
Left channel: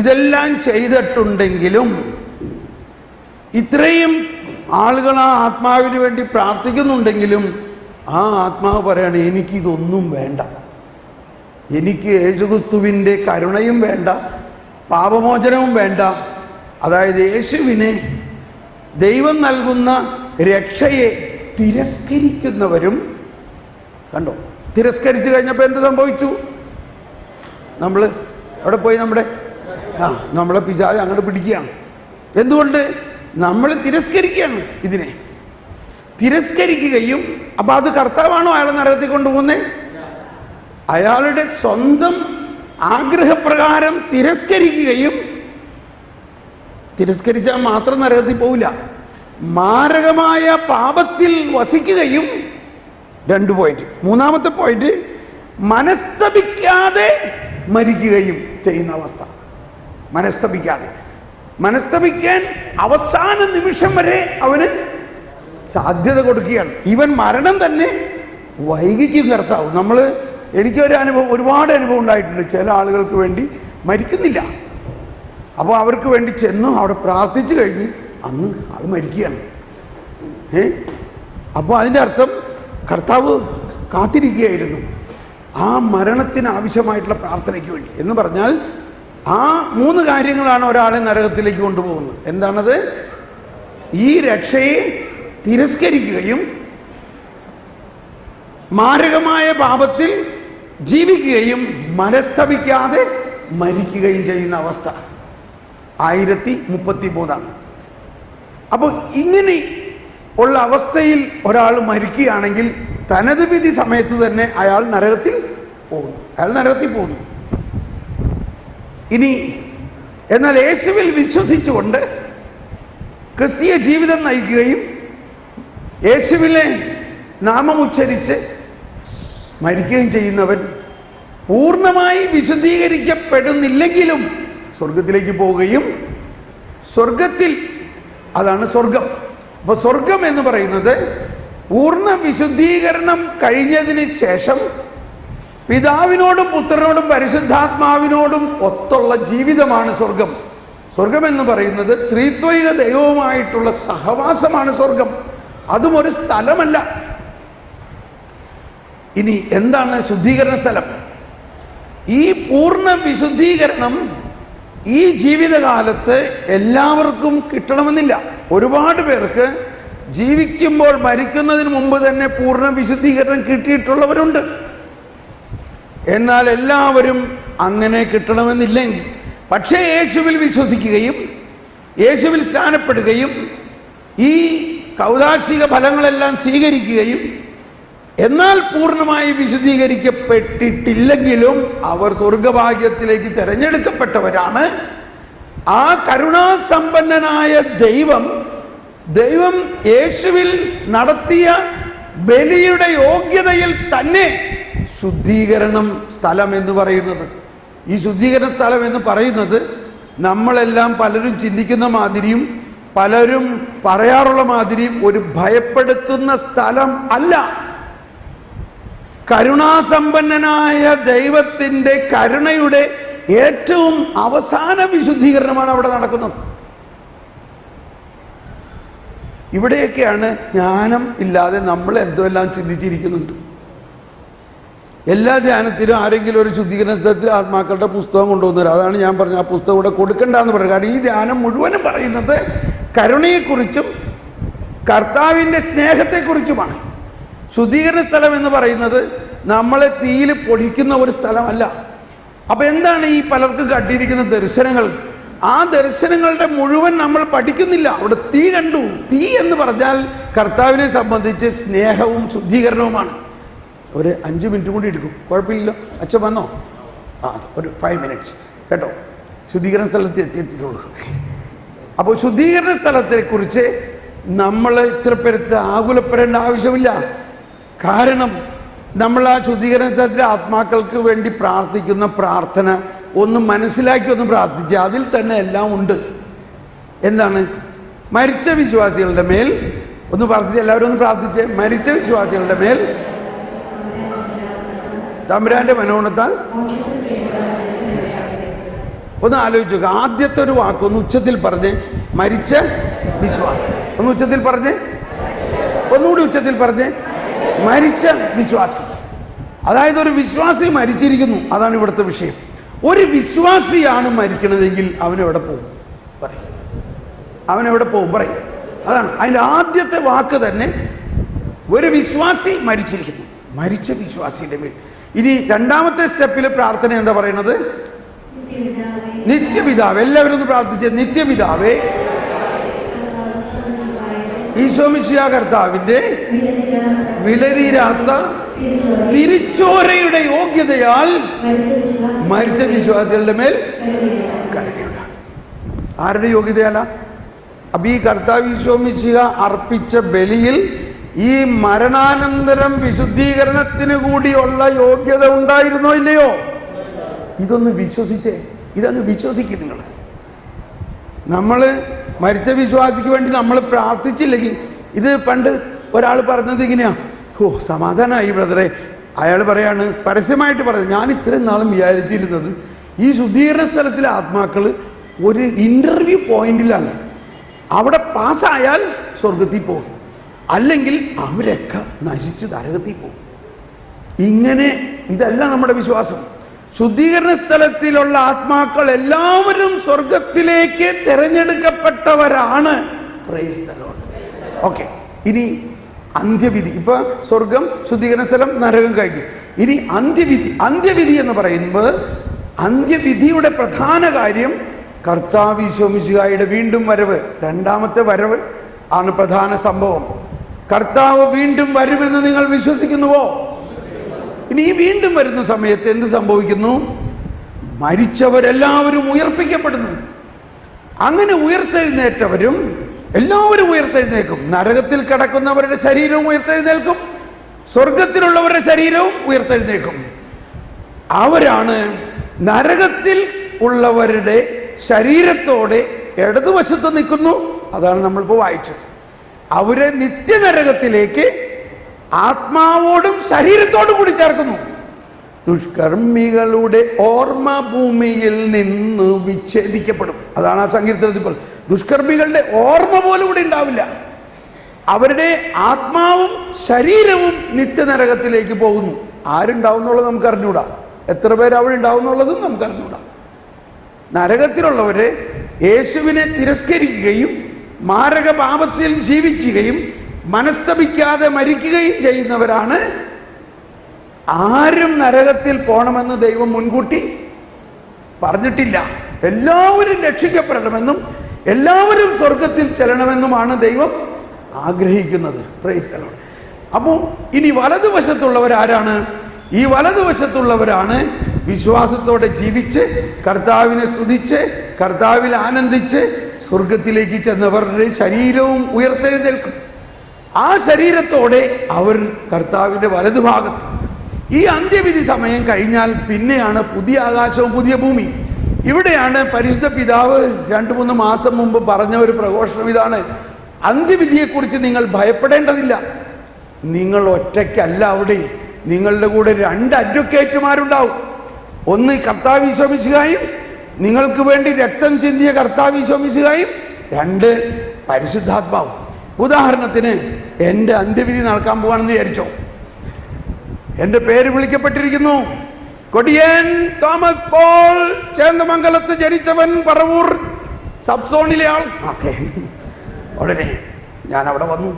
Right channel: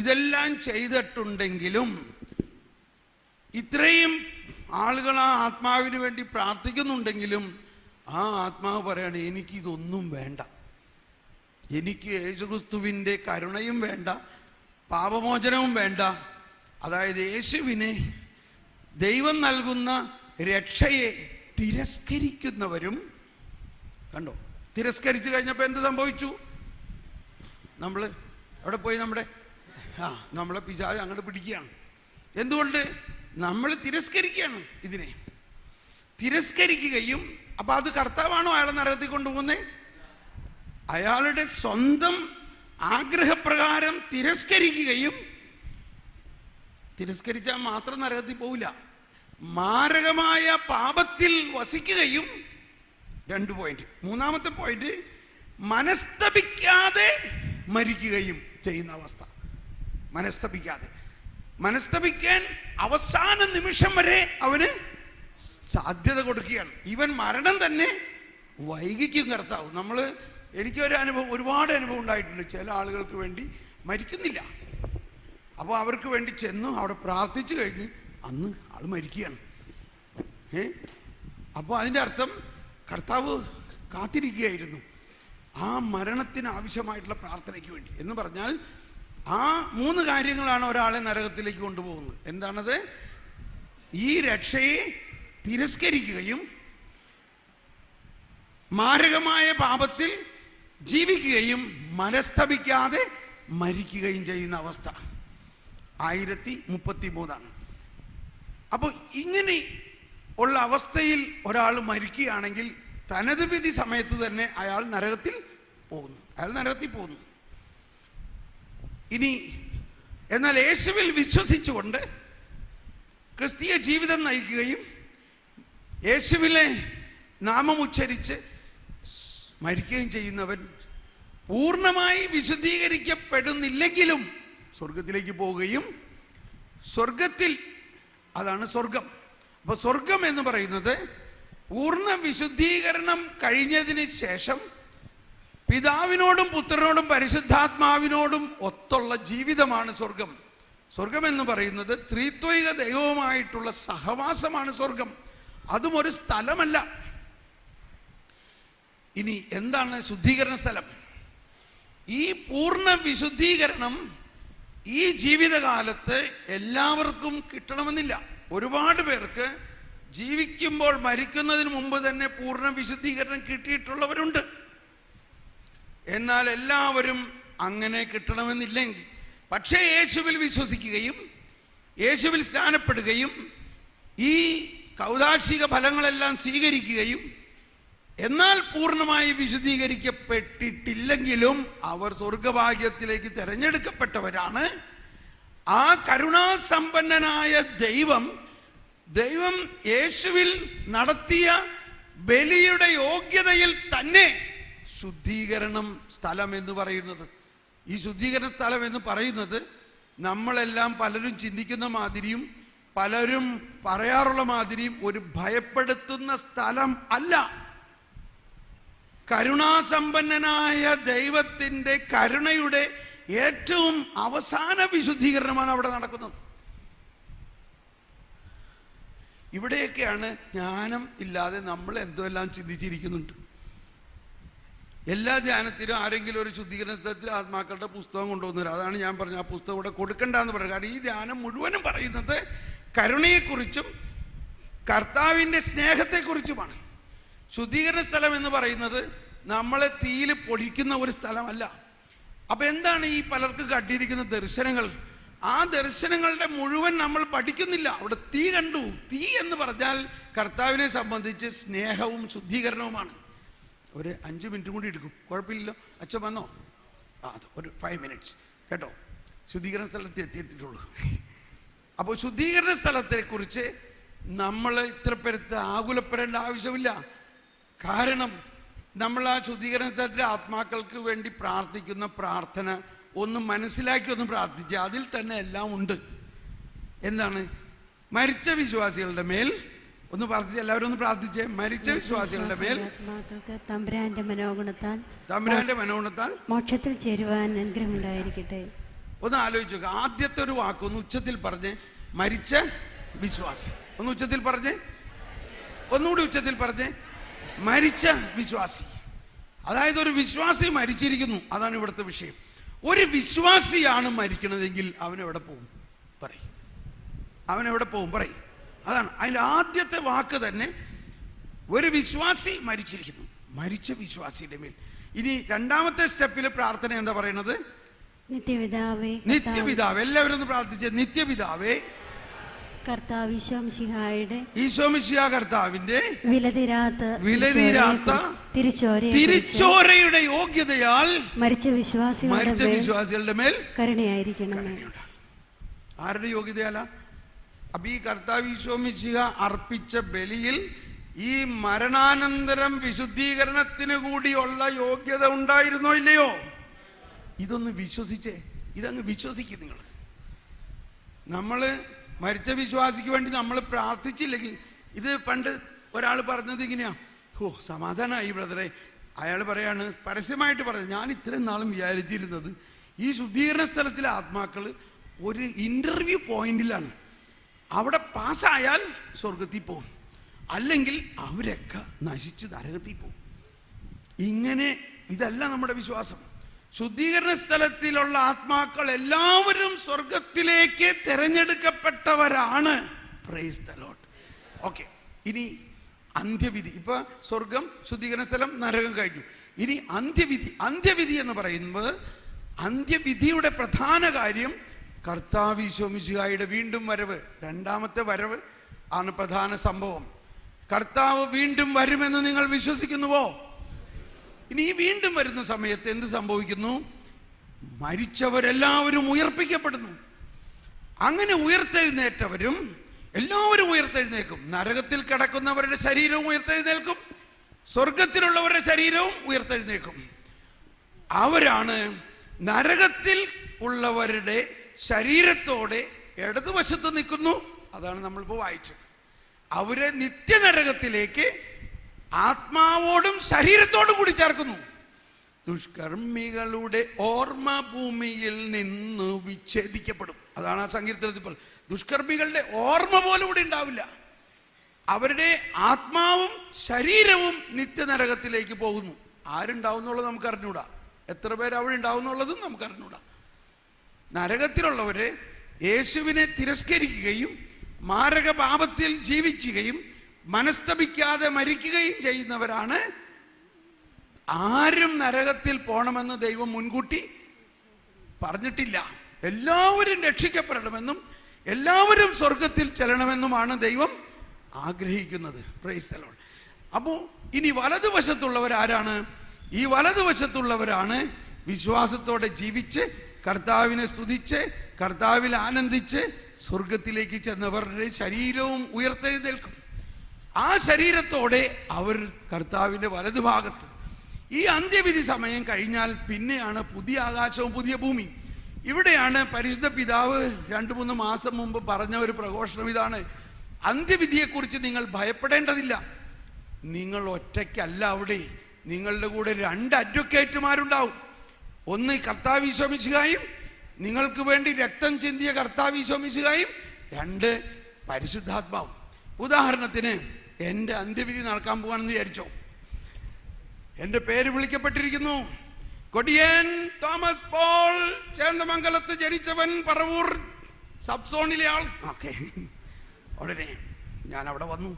ഇതെല്ലാം ചെയ്തിട്ടുണ്ടെങ്കിലും, ഇത്രയും ആളുകൾ ആ ആത്മാവിന് വേണ്ടി പ്രാർത്ഥിക്കുന്നുണ്ടെങ്കിലും, ആ ആത്മാവ് പറയാണ്, എനിക്കിതൊന്നും വേണ്ട, എനിക്ക് യേശുക്രിസ്തുവിൻ്റെ കരുണയും വേണ്ട, പാപമോചനവും വേണ്ട. അതായത് യേശുവിനെ, ദൈവം നൽകുന്ന രക്ഷയെ തിരസ്കരിക്കുന്നവരും. കണ്ടോ, തിരസ്കരിച്ചു കഴിഞ്ഞപ്പോൾ എന്ത് സംഭവിച്ചു? നമ്മൾ അവിടെ പോയി നമ്മളെ പിശാച് അങ്ങോട്ട് പിടിക്കുകയാണ്. എന്തുകൊണ്ട്? നമ്മൾ തിരസ്കരിക്കുകയാണ്. ഇതിനെ തിരസ്കരിക്കുകയും, അപ്പം അത് കർത്താവാണോ അയാളെ നരകത്തിൽ കൊണ്ടുപോകുന്നത്? അയാളുടെ സ്വന്തം ആഗ്രഹപ്രകാരം തിരസ്കരിക്കുകയും, തിരസ്കരിച്ചാൽ മാത്രം നരകത്തിൽ പോവില്ല, മാരകമായ പാപത്തിൽ വസിക്കുകയും. 2 പോയിന്റ്. 3-ാമത്തെ പോയിന്റ്, മനസ്തപിക്കാതെ മരിക്കുകയും ചെയ്യുന്ന അവസ്ഥ. മനസ്തപിക്കാൻ അവസാന നിമിഷം വരെ അവന് സാധ്യത കൊടുക്കുകയാണ്. ഇവൻ മരണം തന്നെ വൈകിക്കും കർത്താവ്. എനിക്കൊരു അനുഭവം, ഒരുപാട് അനുഭവം ഉണ്ടായിട്ടുണ്ട്. ചില ആളുകൾക്ക് വേണ്ടി മരിക്കുന്നില്ല, അപ്പോൾ അവർക്ക് വേണ്ടി ചെന്നു അവിടെ പ്രാർത്ഥിച്ചു കഴിഞ്ഞ് അന്ന് ആൾ മരിക്കുകയാണ്. അപ്പോൾ അതിൻ്റെ അർത്ഥം കർത്താവ് കാത്തിരിക്കുകയായിരുന്നു ആ മരണത്തിന് ആവശ്യമായിട്ടുള്ള പ്രാർത്ഥനയ്ക്ക് വേണ്ടി. എന്ന് പറഞ്ഞാൽ ആ 3 കാര്യങ്ങളാണ് ഒരാളെ നരകത്തിലേക്ക് കൊണ്ടുപോകുന്നത്. എന്താണത്? ഈ രക്ഷയെ തിരസ്കരിക്കുകയും, മാരകമായ പാപത്തിൽ ജീവിക്കുകയും, മനസ്തപിക്കാതെ മരിക്കുകയും ചെയ്യുന്ന അവസ്ഥ. 1033. അപ്പോൾ ഇങ്ങനെ ഉള്ള അവസ്ഥയിൽ ഒരാൾ മരിക്കുകയാണെങ്കിൽ തനത് വിധി സമയത്ത് തന്നെ അയാൾ നരകത്തിൽ പോകുന്നു. ഇനി എന്നാൽ യേശുവിൽ വിശ്വസിച്ചുകൊണ്ട് ക്രിസ്തീയ ജീവിതം നയിക്കുകയും യേശുവിനെ നാമമുച്ചരിച്ച് മരിക്കുകയും ചെയ്യുന്നവൻ പൂർണ്ണമായി വിശുദ്ധീകരിക്കപ്പെടുന്നില്ലെങ്കിലും സ്വർഗത്തിലേക്ക് പോവുകയും, സ്വർഗത്തിൽ, അതാണ് സ്വർഗം. അപ്പോൾ സ്വർഗം എന്ന് പറയുന്നത് പൂർണ്ണ വിശുദ്ധീകരണം കഴിഞ്ഞതിന് ശേഷം പിതാവിനോടും പുത്രനോടും പരിശുദ്ധാത്മാവിനോടും ഒത്തുള്ള ജീവിതമാണ് സ്വർഗം. സ്വർഗം എന്ന് പറയുന്നത് ത്രിത്വൈക ദൈവവുമായിട്ടുള്ള സഹവാസമാണ് സ്വർഗം. അതും ഒരു സ്ഥലമല്ല. ഇനി എന്താണ് ശുദ്ധീകരണ സ്ഥലം? ഈ പൂർണ്ണ വിശുദ്ധീകരണം ഈ ജീവിതകാലത്ത് എല്ലാവർക്കും കിട്ടണമെന്നില്ല. ഒരുപാട് പേർക്ക് ജീവിക്കുമ്പോൾ മരിക്കുന്നതിന് മുമ്പ് തന്നെ പൂർണ്ണ വിശുദ്ധീകരണം കിട്ടിയിട്ടുള്ളവരുണ്ട്. എന്നാൽ എല്ലാവരും അങ്ങനെ കിട്ടണമെന്നില്ലെങ്കിൽ, പക്ഷേ യേശുവിൽ വിശ്വസിക്കുകയും യേശുവിൽ സ്നാനപ്പെടുകയും ഈ കൗദാശിക ഫലങ്ങളെല്ലാം സ്വീകരിക്കുകയും എന്നാൽ പൂർണ്ണമായി വിശുദ്ധീകരിക്കപ്പെട്ടിട്ടില്ലെങ്കിലും അവർ സ്വർഗഭാഗ്യത്തിലേക്ക് തിരഞ്ഞെടുക്കപ്പെട്ടവരാണ്. ആ കരുണാസമ്പന്നനായ ദൈവം യേശുവിൽ നടത്തിയ ബലിയുടെ യോഗ്യതയിൽ തന്നെ ശുദ്ധീകരണം സ്ഥലം എന്ന് പറയുന്നത്. ഈ ശുദ്ധീകരണ സ്ഥലം എന്ന് പറയുന്നത് നമ്മളെല്ലാം പലരും ചിന്തിക്കുന്ന മാതിരിയും പലരും പറയാറുള്ള മാതിരിയും ഒരു ഭയപ്പെടുത്തുന്ന സ്ഥലം അല്ല. കരുണാസമ്പന്നനായ ദൈവത്തിൻ്റെ കരുണയുടെ ഏറ്റവും അവസാന വിശുദ്ധീകരണമാണ് അവിടെ നടക്കുന്നത്. ഇവിടെയൊക്കെയാണ് ജ്ഞാനം ഇല്ലാതെ നമ്മൾ എന്തെല്ലാം ചിന്തിച്ചിരിക്കുന്നുണ്ട്. എല്ലാ ധ്യാനത്തിലും ആരെങ്കിലും ഒരു ശുദ്ധീകരണ സ്ഥലത്തിൽ ആത്മാക്കളുടെ പുസ്തകം കൊണ്ടുവന്നുതരും. അതാണ് ഞാൻ പറഞ്ഞ ആ പുസ്തകം ഇവിടെ കൊടുക്കണ്ടെന്ന് പറയുന്നത്. കാരണം ഈ ധ്യാനം മുഴുവനും പറയുന്നത് കരുണയെക്കുറിച്ചും കർത്താവിൻ്റെ സ്നേഹത്തെക്കുറിച്ചുമാണ്. ശുദ്ധീകരണ സ്ഥലം എന്ന് പറയുന്നത് നമ്മളെ തീയിൽ പൊടിക്കുന്ന ഒരു സ്ഥലമല്ല. അപ്പം എന്താണ് ഈ പലർക്കും കണ്ടിരിക്കുന്ന ദർശനങ്ങൾ? ആ ദർശനങ്ങളുടെ മുഴുവൻ നമ്മൾ പഠിക്കുന്നില്ല. അവിടെ തീ കണ്ടു. തീ എന്ന് പറഞ്ഞാൽ കർത്താവിനെ സംബന്ധിച്ച് സ്നേഹവും ശുദ്ധീകരണവുമാണ്. ഒരു 5 മിനിറ്റ് കൂടി എടുക്കും, കുഴപ്പമില്ലല്ലോ. അച്ഛൻ വന്നോ? ഒരു 5 മിനിറ്റ്സ് കേട്ടോ. ശുദ്ധീകരണ സ്ഥലത്ത് എത്തിയിട്ടുള്ളൂ. അപ്പോൾ ശുദ്ധീകരണ സ്ഥലത്തെക്കുറിച്ച് നമ്മൾ ഇത്ര പേരത്ത് ആകുലപ്പെടേണ്ട ആവശ്യമില്ല. കാരണം നമ്മൾ ആ ശുദ്ധീകരണ സ്ഥലത്തിലെ ആത്മാക്കൾക്ക് വേണ്ടി പ്രാർത്ഥിക്കുന്ന പ്രാർത്ഥന ഒന്ന് മനസ്സിലാക്കി ഒന്ന് പ്രാർത്ഥിച്ച് അതിൽ തന്നെ എല്ലാം ഉണ്ട്. എന്താണ്? മരിച്ച വിശ്വാസികളുടെ മേൽ ഒന്ന് പ്രാർത്ഥിച്ച്, എല്ലാവരും ഒന്ന് പ്രാർത്ഥിച്ച്. മരിച്ച വിശ്വാസികളുടെ മേൽ തമ്പുരാന്റെ മനോണത്താൽ ഒന്ന് ആലോചിച്ചു. ആദ്യത്തെ ഒരു വാക്ക് ഒന്ന് ഉച്ചത്തിൽ പറഞ്ഞ്, മരിച്ച വിശ്വാസി. ഒന്ന് ഉച്ചത്തിൽ പറഞ്ഞ്, ഒന്നുകൂടി ഉച്ചത്തിൽ പറഞ്ഞ്, മരിച്ച വിശ്വാസി. അതായത് ഒരു വിശ്വാസി മരിച്ചിരിക്കുന്നു, അതാണ് ഇവിടുത്തെ വിഷയം. ഒരു വിശ്വാസിയാണ് മരിക്കണതെങ്കിൽ അവനെവിടെ പോകും പറയും, അവനെവിടെ പോകും പറയും. അതാണ് അതിൻ്റെ ആദ്യത്തെ വാക്ക് തന്നെ. ഒരു വിശ്വാസി മരിച്ചിരിക്കുന്നു, മരിച്ച വിശ്വാസിയുടെ മേൽ. ഇനി രണ്ടാമത്തെ സ്റ്റെപ്പിൽ പ്രാർത്ഥന എന്താ പറയുന്നത്? നിത്യപിതാവ്. എല്ലാവരും ഒന്ന് പ്രാർത്ഥിച്ച്, നിത്യപിതാവേ, ഈശോ മിശിഹാ കർത്താവിന്റെ വിലതീരാത്ത തിരിച്ചോരയുടെ യോഗ്യതയാൽ മരിച്ച വിശ്വാസികളുടെ മേൽ കരുണയുണ്ടാകും. ആരുടെ യോഗ്യതയല്ല? അപ്പൊ ഈ കർത്താവ് ഈശോ മിശിഹ അർപ്പിച്ച ബലിയിൽ ഈ മരണാനന്തരം വിശുദ്ധീകരണത്തിന് കൂടിയുള്ള യോഗ്യത ഉണ്ടായിരുന്നോ ഇല്ലയോ? ഇതൊന്ന് വിശ്വസിച്ചേ, ഇതങ്ങ് വിശ്വസിക്കും നിങ്ങൾ. നമ്മൾ മരിച്ച വിശ്വാസിക്ക് വേണ്ടി നമ്മൾ പ്രാർത്ഥിച്ചില്ലെങ്കിൽ, ഇത് പണ്ട് ഒരാൾ പറഞ്ഞത് ഇങ്ങനെയാ, ഓ സമാധാനമായി ബ്രദറെ. അയാൾ പറയാണ്, പരസ്യമായിട്ട് പറയുന്നത്, ഞാൻ ഇത്രയും നാളും വിചാരിച്ചിരുന്നത് ഈ ശുദ്ധീകരണ സ്ഥലത്തിലെ ആത്മാക്കൾ ഒരു ഇന്റർവ്യൂ പോയിന്റിലാണ്, അവിടെ പാസ്സായാൽ സ്വർഗത്തിൽ പോകും, അല്ലെങ്കിൽ അവരൊക്കെ നശിച്ച് നരകത്തിൽ പോകും. ഇങ്ങനെ ഇതല്ല നമ്മുടെ വിശ്വാസം. ശുദ്ധീകരണ സ്ഥലത്തിലുള്ള ആത്മാക്കൾ എല്ലാവരും സ്വർഗത്തിലേക്ക് തിരഞ്ഞെടുക്കപ്പെട്ടവരാണ്. Praise the Lord. ഓക്കെ, ഇനി അന്ത്യവിധി. ഇപ്പൊ സ്വർഗം, ശുദ്ധീകരണ സ്ഥലം, നരകം കഴിഞ്ഞു. ഇനി അന്ത്യവിധി. അന്ത്യവിധി എന്ന് പറയുമ്പോൾ അന്ത്യവിധിയുടെ പ്രധാന കാര്യം കർത്താവ് ഈശോ മിശിഹായുടെ വീണ്ടും വരവ്, രണ്ടാമത്തെ വരവ് ആണ് പ്രധാന സംഭവം. കർത്താവ് വീണ്ടും വരുമെന്ന് നിങ്ങൾ വിശ്വസിക്കുന്നുവോ? ഇനി ഈ വീണ്ടും വരുന്ന സമയത്ത് എന്ത് സംഭവിക്കുന്നു? മരിച്ചവരെല്ലാവരും ഉയർപ്പിക്കപ്പെടുന്നു. അങ്ങനെ ഉയർത്തെഴുന്നേറ്റവരും എല്ലാവരും ഉയർത്തെഴുന്നേക്കും. നരകത്തിൽ കിടക്കുന്നവരുടെ ശരീരവും ഉയർത്തെഴുന്നേൽക്കും, സ്വർഗത്തിലുള്ളവരുടെ ശരീരവും ഉയർത്തെഴുന്നേക്കും. അവരാണ് നരകത്തിൽ ഉള്ളവരുടെ ശരീരത്തോടെ ഇടതുവശത്ത് നിൽക്കുന്നു. അതാണ് നമ്മളിപ്പോൾ വായിച്ചത്. അവരെ നിത്യനരകത്തിലേക്ക് ആത്മാവോടും ശരീരത്തോടും കൂടി ചേർക്കുന്നു. ദുഷ്കർമ്മികളുടെ ഓർമ്മ ഭൂമിയിൽ നിന്ന് വിച്ഛേദിക്കപ്പെടും. അതാണ് ആ സങ്കീർത്തനത്തിൽ. ദുഷ്കർമ്മികളുടെ ഓർമ്മ പോലും കൂടി ഉണ്ടാവില്ല. അവരുടെ ആത്മാവും ശരീരവും നിത്യനരകത്തിലേക്ക് പോകുന്നു. ആരുണ്ടാവും എന്നുള്ളത് നമുക്ക് അറിഞ്ഞൂടാ, എത്ര പേര് അവിടെ ഉണ്ടാവും എന്നുള്ളതും നമുക്ക് അറിഞ്ഞൂടാ. നരകത്തിലുള്ളവരെ യേശുവിനെ തിരസ്കരിക്കുകയും മാരക പാപത്തിൽ ജീവിക്കുകയും മനസ്തപിക്കാതെ മരിക്കുകയും ചെയ്യുന്നവരാണ്. ആരും നരകത്തിൽ പോണമെന്ന് ദൈവം മുൻകൂട്ടി പറഞ്ഞിട്ടില്ല. എല്ലാവരും രക്ഷിക്കപ്പെടണമെന്നും എല്ലാവരും സ്വർഗത്തിൽ ചെല്ലണമെന്നുമാണ് ദൈവം ആഗ്രഹിക്കുന്നത്. Price the Lord. അപ്പോൾ ഇനി വലതുവശത്തുള്ളവരാരാണ്? ഈ വലതുവശത്തുള്ളവരാണ് വിശ്വാസത്തോടെ ജീവിച്ച് കർത്താവിനെ സ്തുതിച്ച് കർത്താവിൽ ആനന്ദിച്ച് സ്വർഗത്തിലേക്ക് ചെന്നവരുടെ ശരീരവും ഉയർത്തെഴുന്നേൽക്കും. ആ ശരീരത്തോടെ അവർ കർത്താവിൻ്റെ വലതുഭാഗത്ത്. ഈ അന്ത്യവിധി സമയം കഴിഞ്ഞാൽ പിന്നെയാണ് പുതിയ ആകാശവും പുതിയ ഭൂമി. ഇവിടെയാണ് പരിശുദ്ധ പിതാവ് 2-3 മാസം മുമ്പ് പറഞ്ഞ ഒരു പ്രഘോഷണം ഇതാണ്: അന്ത്യവിധിയെക്കുറിച്ച് നിങ്ങൾ ഭയപ്പെടേണ്ടതില്ല. നിങ്ങൾ ഒറ്റയ്ക്കല്ല അവിടെ, നിങ്ങളുടെ കൂടെ 2 അഡ്വക്കേറ്റുമാരുണ്ടാവും. ഒന്ന് കർത്താവ് ഈശോ മിശിഹായും, നിങ്ങൾക്ക് വേണ്ടി രക്തം ചിന്തിയ കർത്താവ് ഈശോ മിശിഹായും, 2 പരിശുദ്ധാത്മാവും. ഉദാഹരണത്തിന് എൻ്റെ അന്ത്യവിധി നടക്കാൻ പോവാണെന്ന് വിചാരിച്ചോ. എൻ്റെ പേര് വിളിക്കപ്പെട്ടിരിക്കുന്നു, കൊടിയൻ തോമസ് പോൾ, ചേന്ദമംഗലത്ത് ജനിച്ചവൻ, പറവൂർ സബ്സോണിലെ ആൾ. ഓക്കെ, ഉടനെ ഞാൻ അവിടെ വന്നു.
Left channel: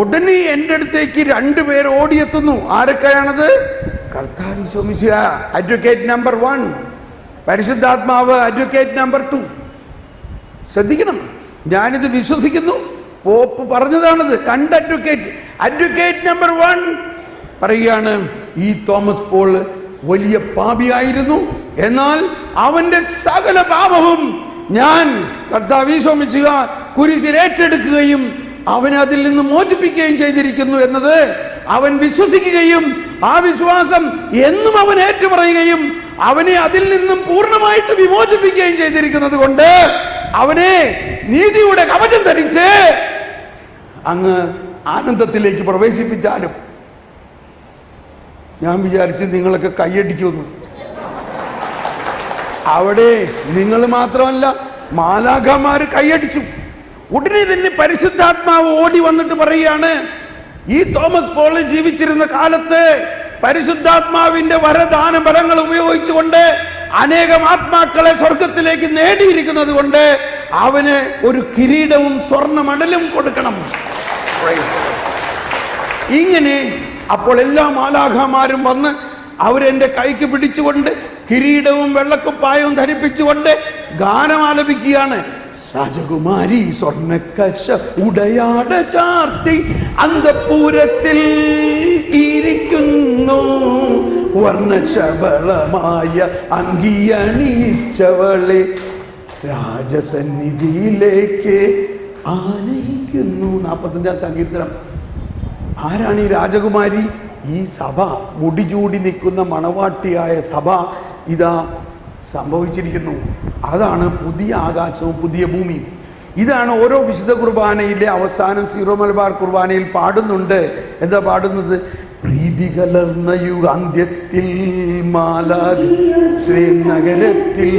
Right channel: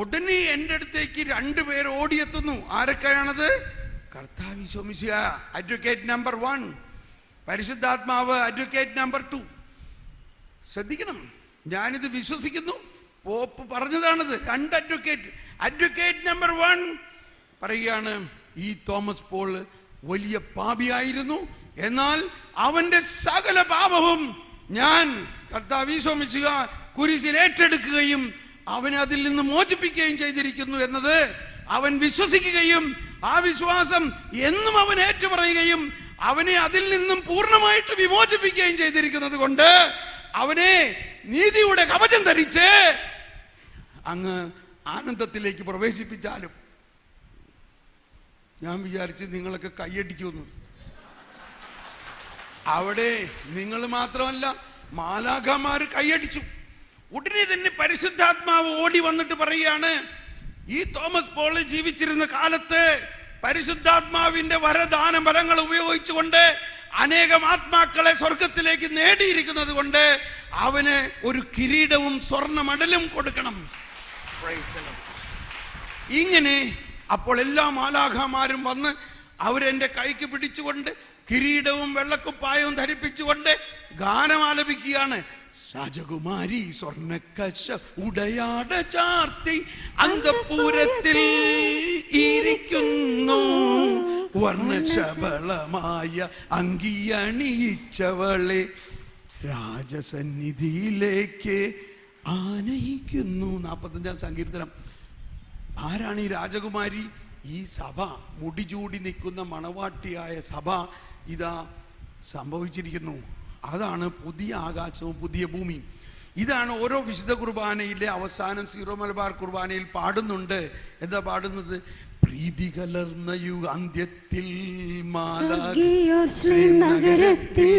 ഉടനെ എൻ്റെ അടുത്തേക്ക് 2 പേർ ഓടിയെത്തുന്നു. ആരൊക്കെയാണത്? കർത്താവ് ഈശോ മിശിഹാ, അഡ്വക്കേറ്റ് നമ്പർ 1, പരിശുദ്ധാത്മാവ് അഡ്വക്കേറ്റ് നമ്പർ 2. ശ്രദ്ധിക്കണം, ഞാനിത് വിശ്വസിക്കുന്നു. പോപ്പ് പറഞ്ഞതാണത്. 2 അഡ്വക്കേറ്റ്. അഡ്വക്കേറ്റ് നമ്പർ 1 പറയുകയാണ്, ഈ തോമസ് പോൾ വലിയ പാപിയായിരുന്നു, എന്നാൽ അവന്റെ സകല പാപവും ഞാൻ കർത്താവ് ഈശോ മിശിഹ കുരിശിൽ ഏറ്റെടുക്കുകയും അവനെ അതിൽ നിന്ന് മോചിപ്പിക്കുകയും ചെയ്തിരിക്കുന്നു എന്നത് അവൻ വിശ്വസിക്കുകയും ആ വിശ്വാസം എന്നും അവൻ ഏറ്റുപറയുകയും അവനെ അതിൽ നിന്നും പൂർണ്ണമായിട്ട് വിമോചിപ്പിക്കുകയും ചെയ്തിരിക്കുന്നത് കൊണ്ട് അവനെ നീതിയുടെ കവചം ധരിച്ച് അങ്ങ് ആനന്ദത്തിലേക്ക് പ്രവേശിപ്പിച്ചാലും. ഞാൻ വിചാരിച്ച് നിങ്ങളൊക്കെ കൈയടിക്കുന്നു. അവിടെ നിങ്ങൾ മാത്രമല്ല, മാലാഖമാര് കൈയടിച്ചു. ഉടനെ തന്നെ പരിശുദ്ധാത്മാവ് ഓടി വന്നിട്ട് പറയുകയാണ്, ഈ തോമസ് പോൾ ജീവിച്ചിരുന്ന കാലത്ത് പരിശുദ്ധാത്മാവിന്റെ വരദാന ബലങ്ങൾ ഉപയോഗിച്ചുകൊണ്ട് അനേകം ആത്മാക്കളെ സ്വർഗത്തിലേക്ക് നേടിയിരിക്കുന്നത് കൊണ്ട് അവന് ഒരു കിരീടവും സ്വർണ്ണ മെഡലും കൊടുക്കണം. ഇങ്ങനെ അപ്പോൾ എല്ലാ മാലാഖമാരും വന്ന് അവരെന്റെ കൈക്ക് പിടിച്ചുകൊണ്ട് കിരീടവും വെള്ളക്കുപ്പായവും ധരിപ്പിച്ചുകൊണ്ട് ഗാനം ആലപിക്കുകയാണ്. രാജകുമാരി സ്വർണ്ണക്കശ ഉടയാട ചാർത്തി അന്തപുരത്തിൽ ഇരിക്കുന്നു, വർണ്ണശബളമായ അങ്കിയണിയിച്ചവളെ രാജസന്നിധിയിലേക്ക് ആനയിക്കുന്നു. 45-ാം സങ്കീർത്തനം. ആരാണ് ഈ രാജകുമാരി? ഈ സഭ, മുടിചൂടി നിൽക്കുന്ന മണവാട്ടിയായ സഭ ഇതാ സംഭവിച്ചിരിക്കുന്നു. അതാണ് പുതിയ ആകാശവും പുതിയ ഭൂമിയും. ഇതാണ് ഓരോ വിശുദ്ധ കുർബാനയിലെ അവസാനം സീറോ മലബാർ കുർബാനയിൽ പാടുന്നുണ്ട്. എന്താ പാടുന്നത്? പ്രീതി കലർന്ന യുഗാന്ത്യത്തിൽ നഗരത്തിൽ.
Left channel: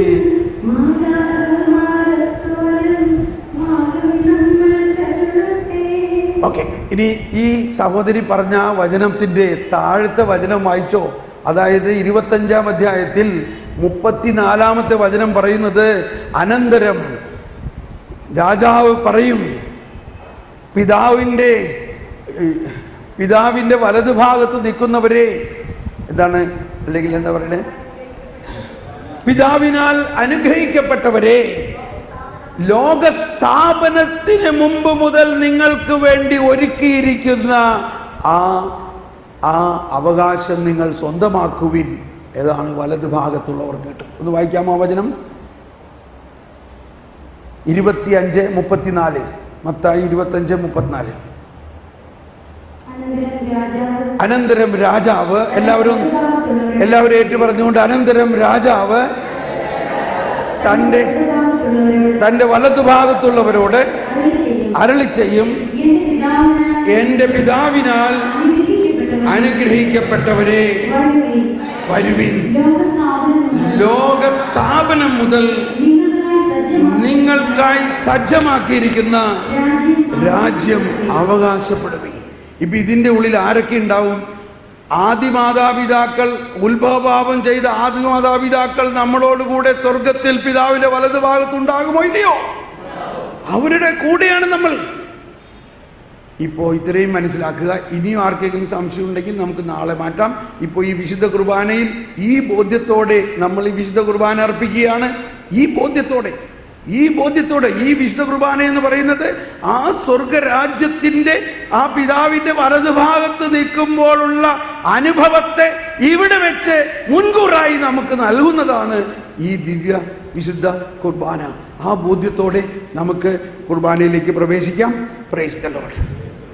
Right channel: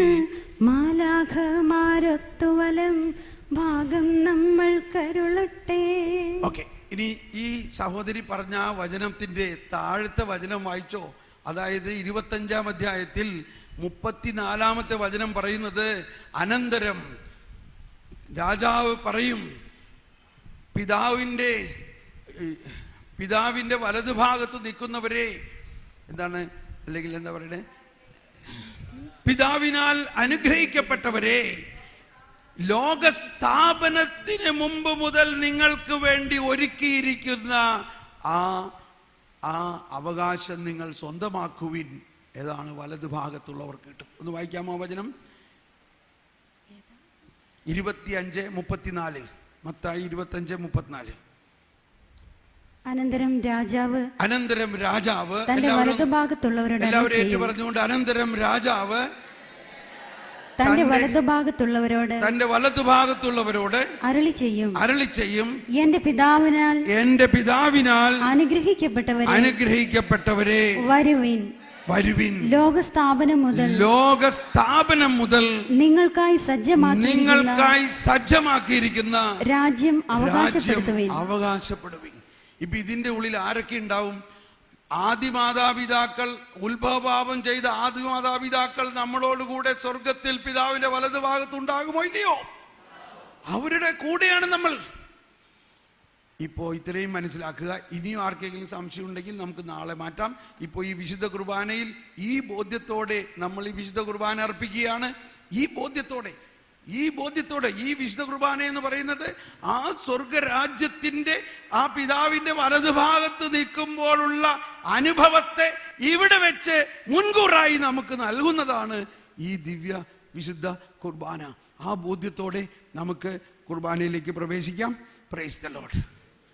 ഓക്കെ, ഇനി ഈ സഹോദരി പറഞ്ഞ വചനത്തിന്റെ താഴത്തെ വചനം വായിച്ചോ. അതായത് 25-ാം അധ്യായത്തിൽ 34-ാമത്തെ വചനം പറയുന്നത്, അനന്തരം രാജാവ് പറയും, പിതാവിന്റെ വലതുഭാഗത്ത് നിൽക്കുന്നവരെ, എന്താണ്, അല്ലെങ്കിൽ എന്താ പറയണേ, പിതാവിനാൽ അനുഗ്രഹിക്കപ്പെട്ടവരെ, ലോകസ്ഥാപനത്തിന് മുമ്പ് മുതൽ നിങ്ങൾക്ക് വേണ്ടി ഒരുക്കിയിരിക്കുന്ന ആ അവകാശം നിങ്ങൾ സ്വന്തമാക്കുവിൻ. ഏതാണ്? വലതുഭാഗത്തുള്ളവർ കേട്ട്. ഒന്ന് വായിക്കാമോ വചനം? 25:34. മത്തായി 25:34. അനന്തരം രാജാവ്, എല്ലാവരും ഏറ്റു പറഞ്ഞുകൊണ്ട്, അനന്തരം രാജാവ് തന്റെ വലതുഭാഗത്തുള്ളവരോട് അരുളി ചെയ്യും, എന്റെ പിതാവിനാൽ അനുഗ്രഹിക്കപ്പെട്ടവരെ വരുവിൻ, ലോകസ്ഥാപനം മുതൽ നിങ്ങൾക്കായി സജ്ജമാക്കിയിരിക്കുന്ന രാജ്യം അവകാശപ്പെടുവിൻ. ഇപ്പൊ ഇതിന്റെ ഉള്ളിൽ ആരൊക്കെ ഉണ്ടാവും? ആദിമാതാപിതാക്കൾ, ഉത്ഭവപാപം ചെയ്ത ആദിമാതാപിതാക്കൾ നമ്മളോടുകൂടെ സ്വർഗത്തിൽ പിതാവിന്റെ വലതുഭാഗത്തുണ്ടാകുമോ ഇല്ലയോ? അവരുടെ കൂടെയാണ് നമ്മൾ. ഇപ്പോൾ ഇത്രയും മനസ്സിലാക്കുക. ഇനിയും ആർക്കെങ്കിലും സംശയം ഉണ്ടെങ്കിൽ നമുക്ക് നാളെ മാറ്റാം. ഇപ്പോൾ ഈ വിശുദ്ധ കുർബാനയിൽ ഈ ബോധ്യത്തോടെ നമ്മൾ ഈ വിശുദ്ധ കുർബാന അർപ്പിക്കുകയാണ്. ഈ ബോധ്യത്തോടെ ഈ വിശുദ്ധ കുർബാന എന്ന് പറയുന്നത് ആ സ്വർഗരാജ്യത്തിന്റെ ആ പിതാവിന്റെ വലതുഭാഗത്ത് നിൽക്കുമ്പോഴുള്ള അനുഭവത്തെ ഇവിടെ വെച്ച് മുൻകൂറായി നമുക്ക് നൽകുന്നതാണ് ഈ ദിവ്യ വിശുദ്ധ കുർബാന. ആ ബോധ്യത്തോടെ നമുക്ക് കുർബാനയിലേക്ക് പ്രവേശിക്കാം. Price the Lord.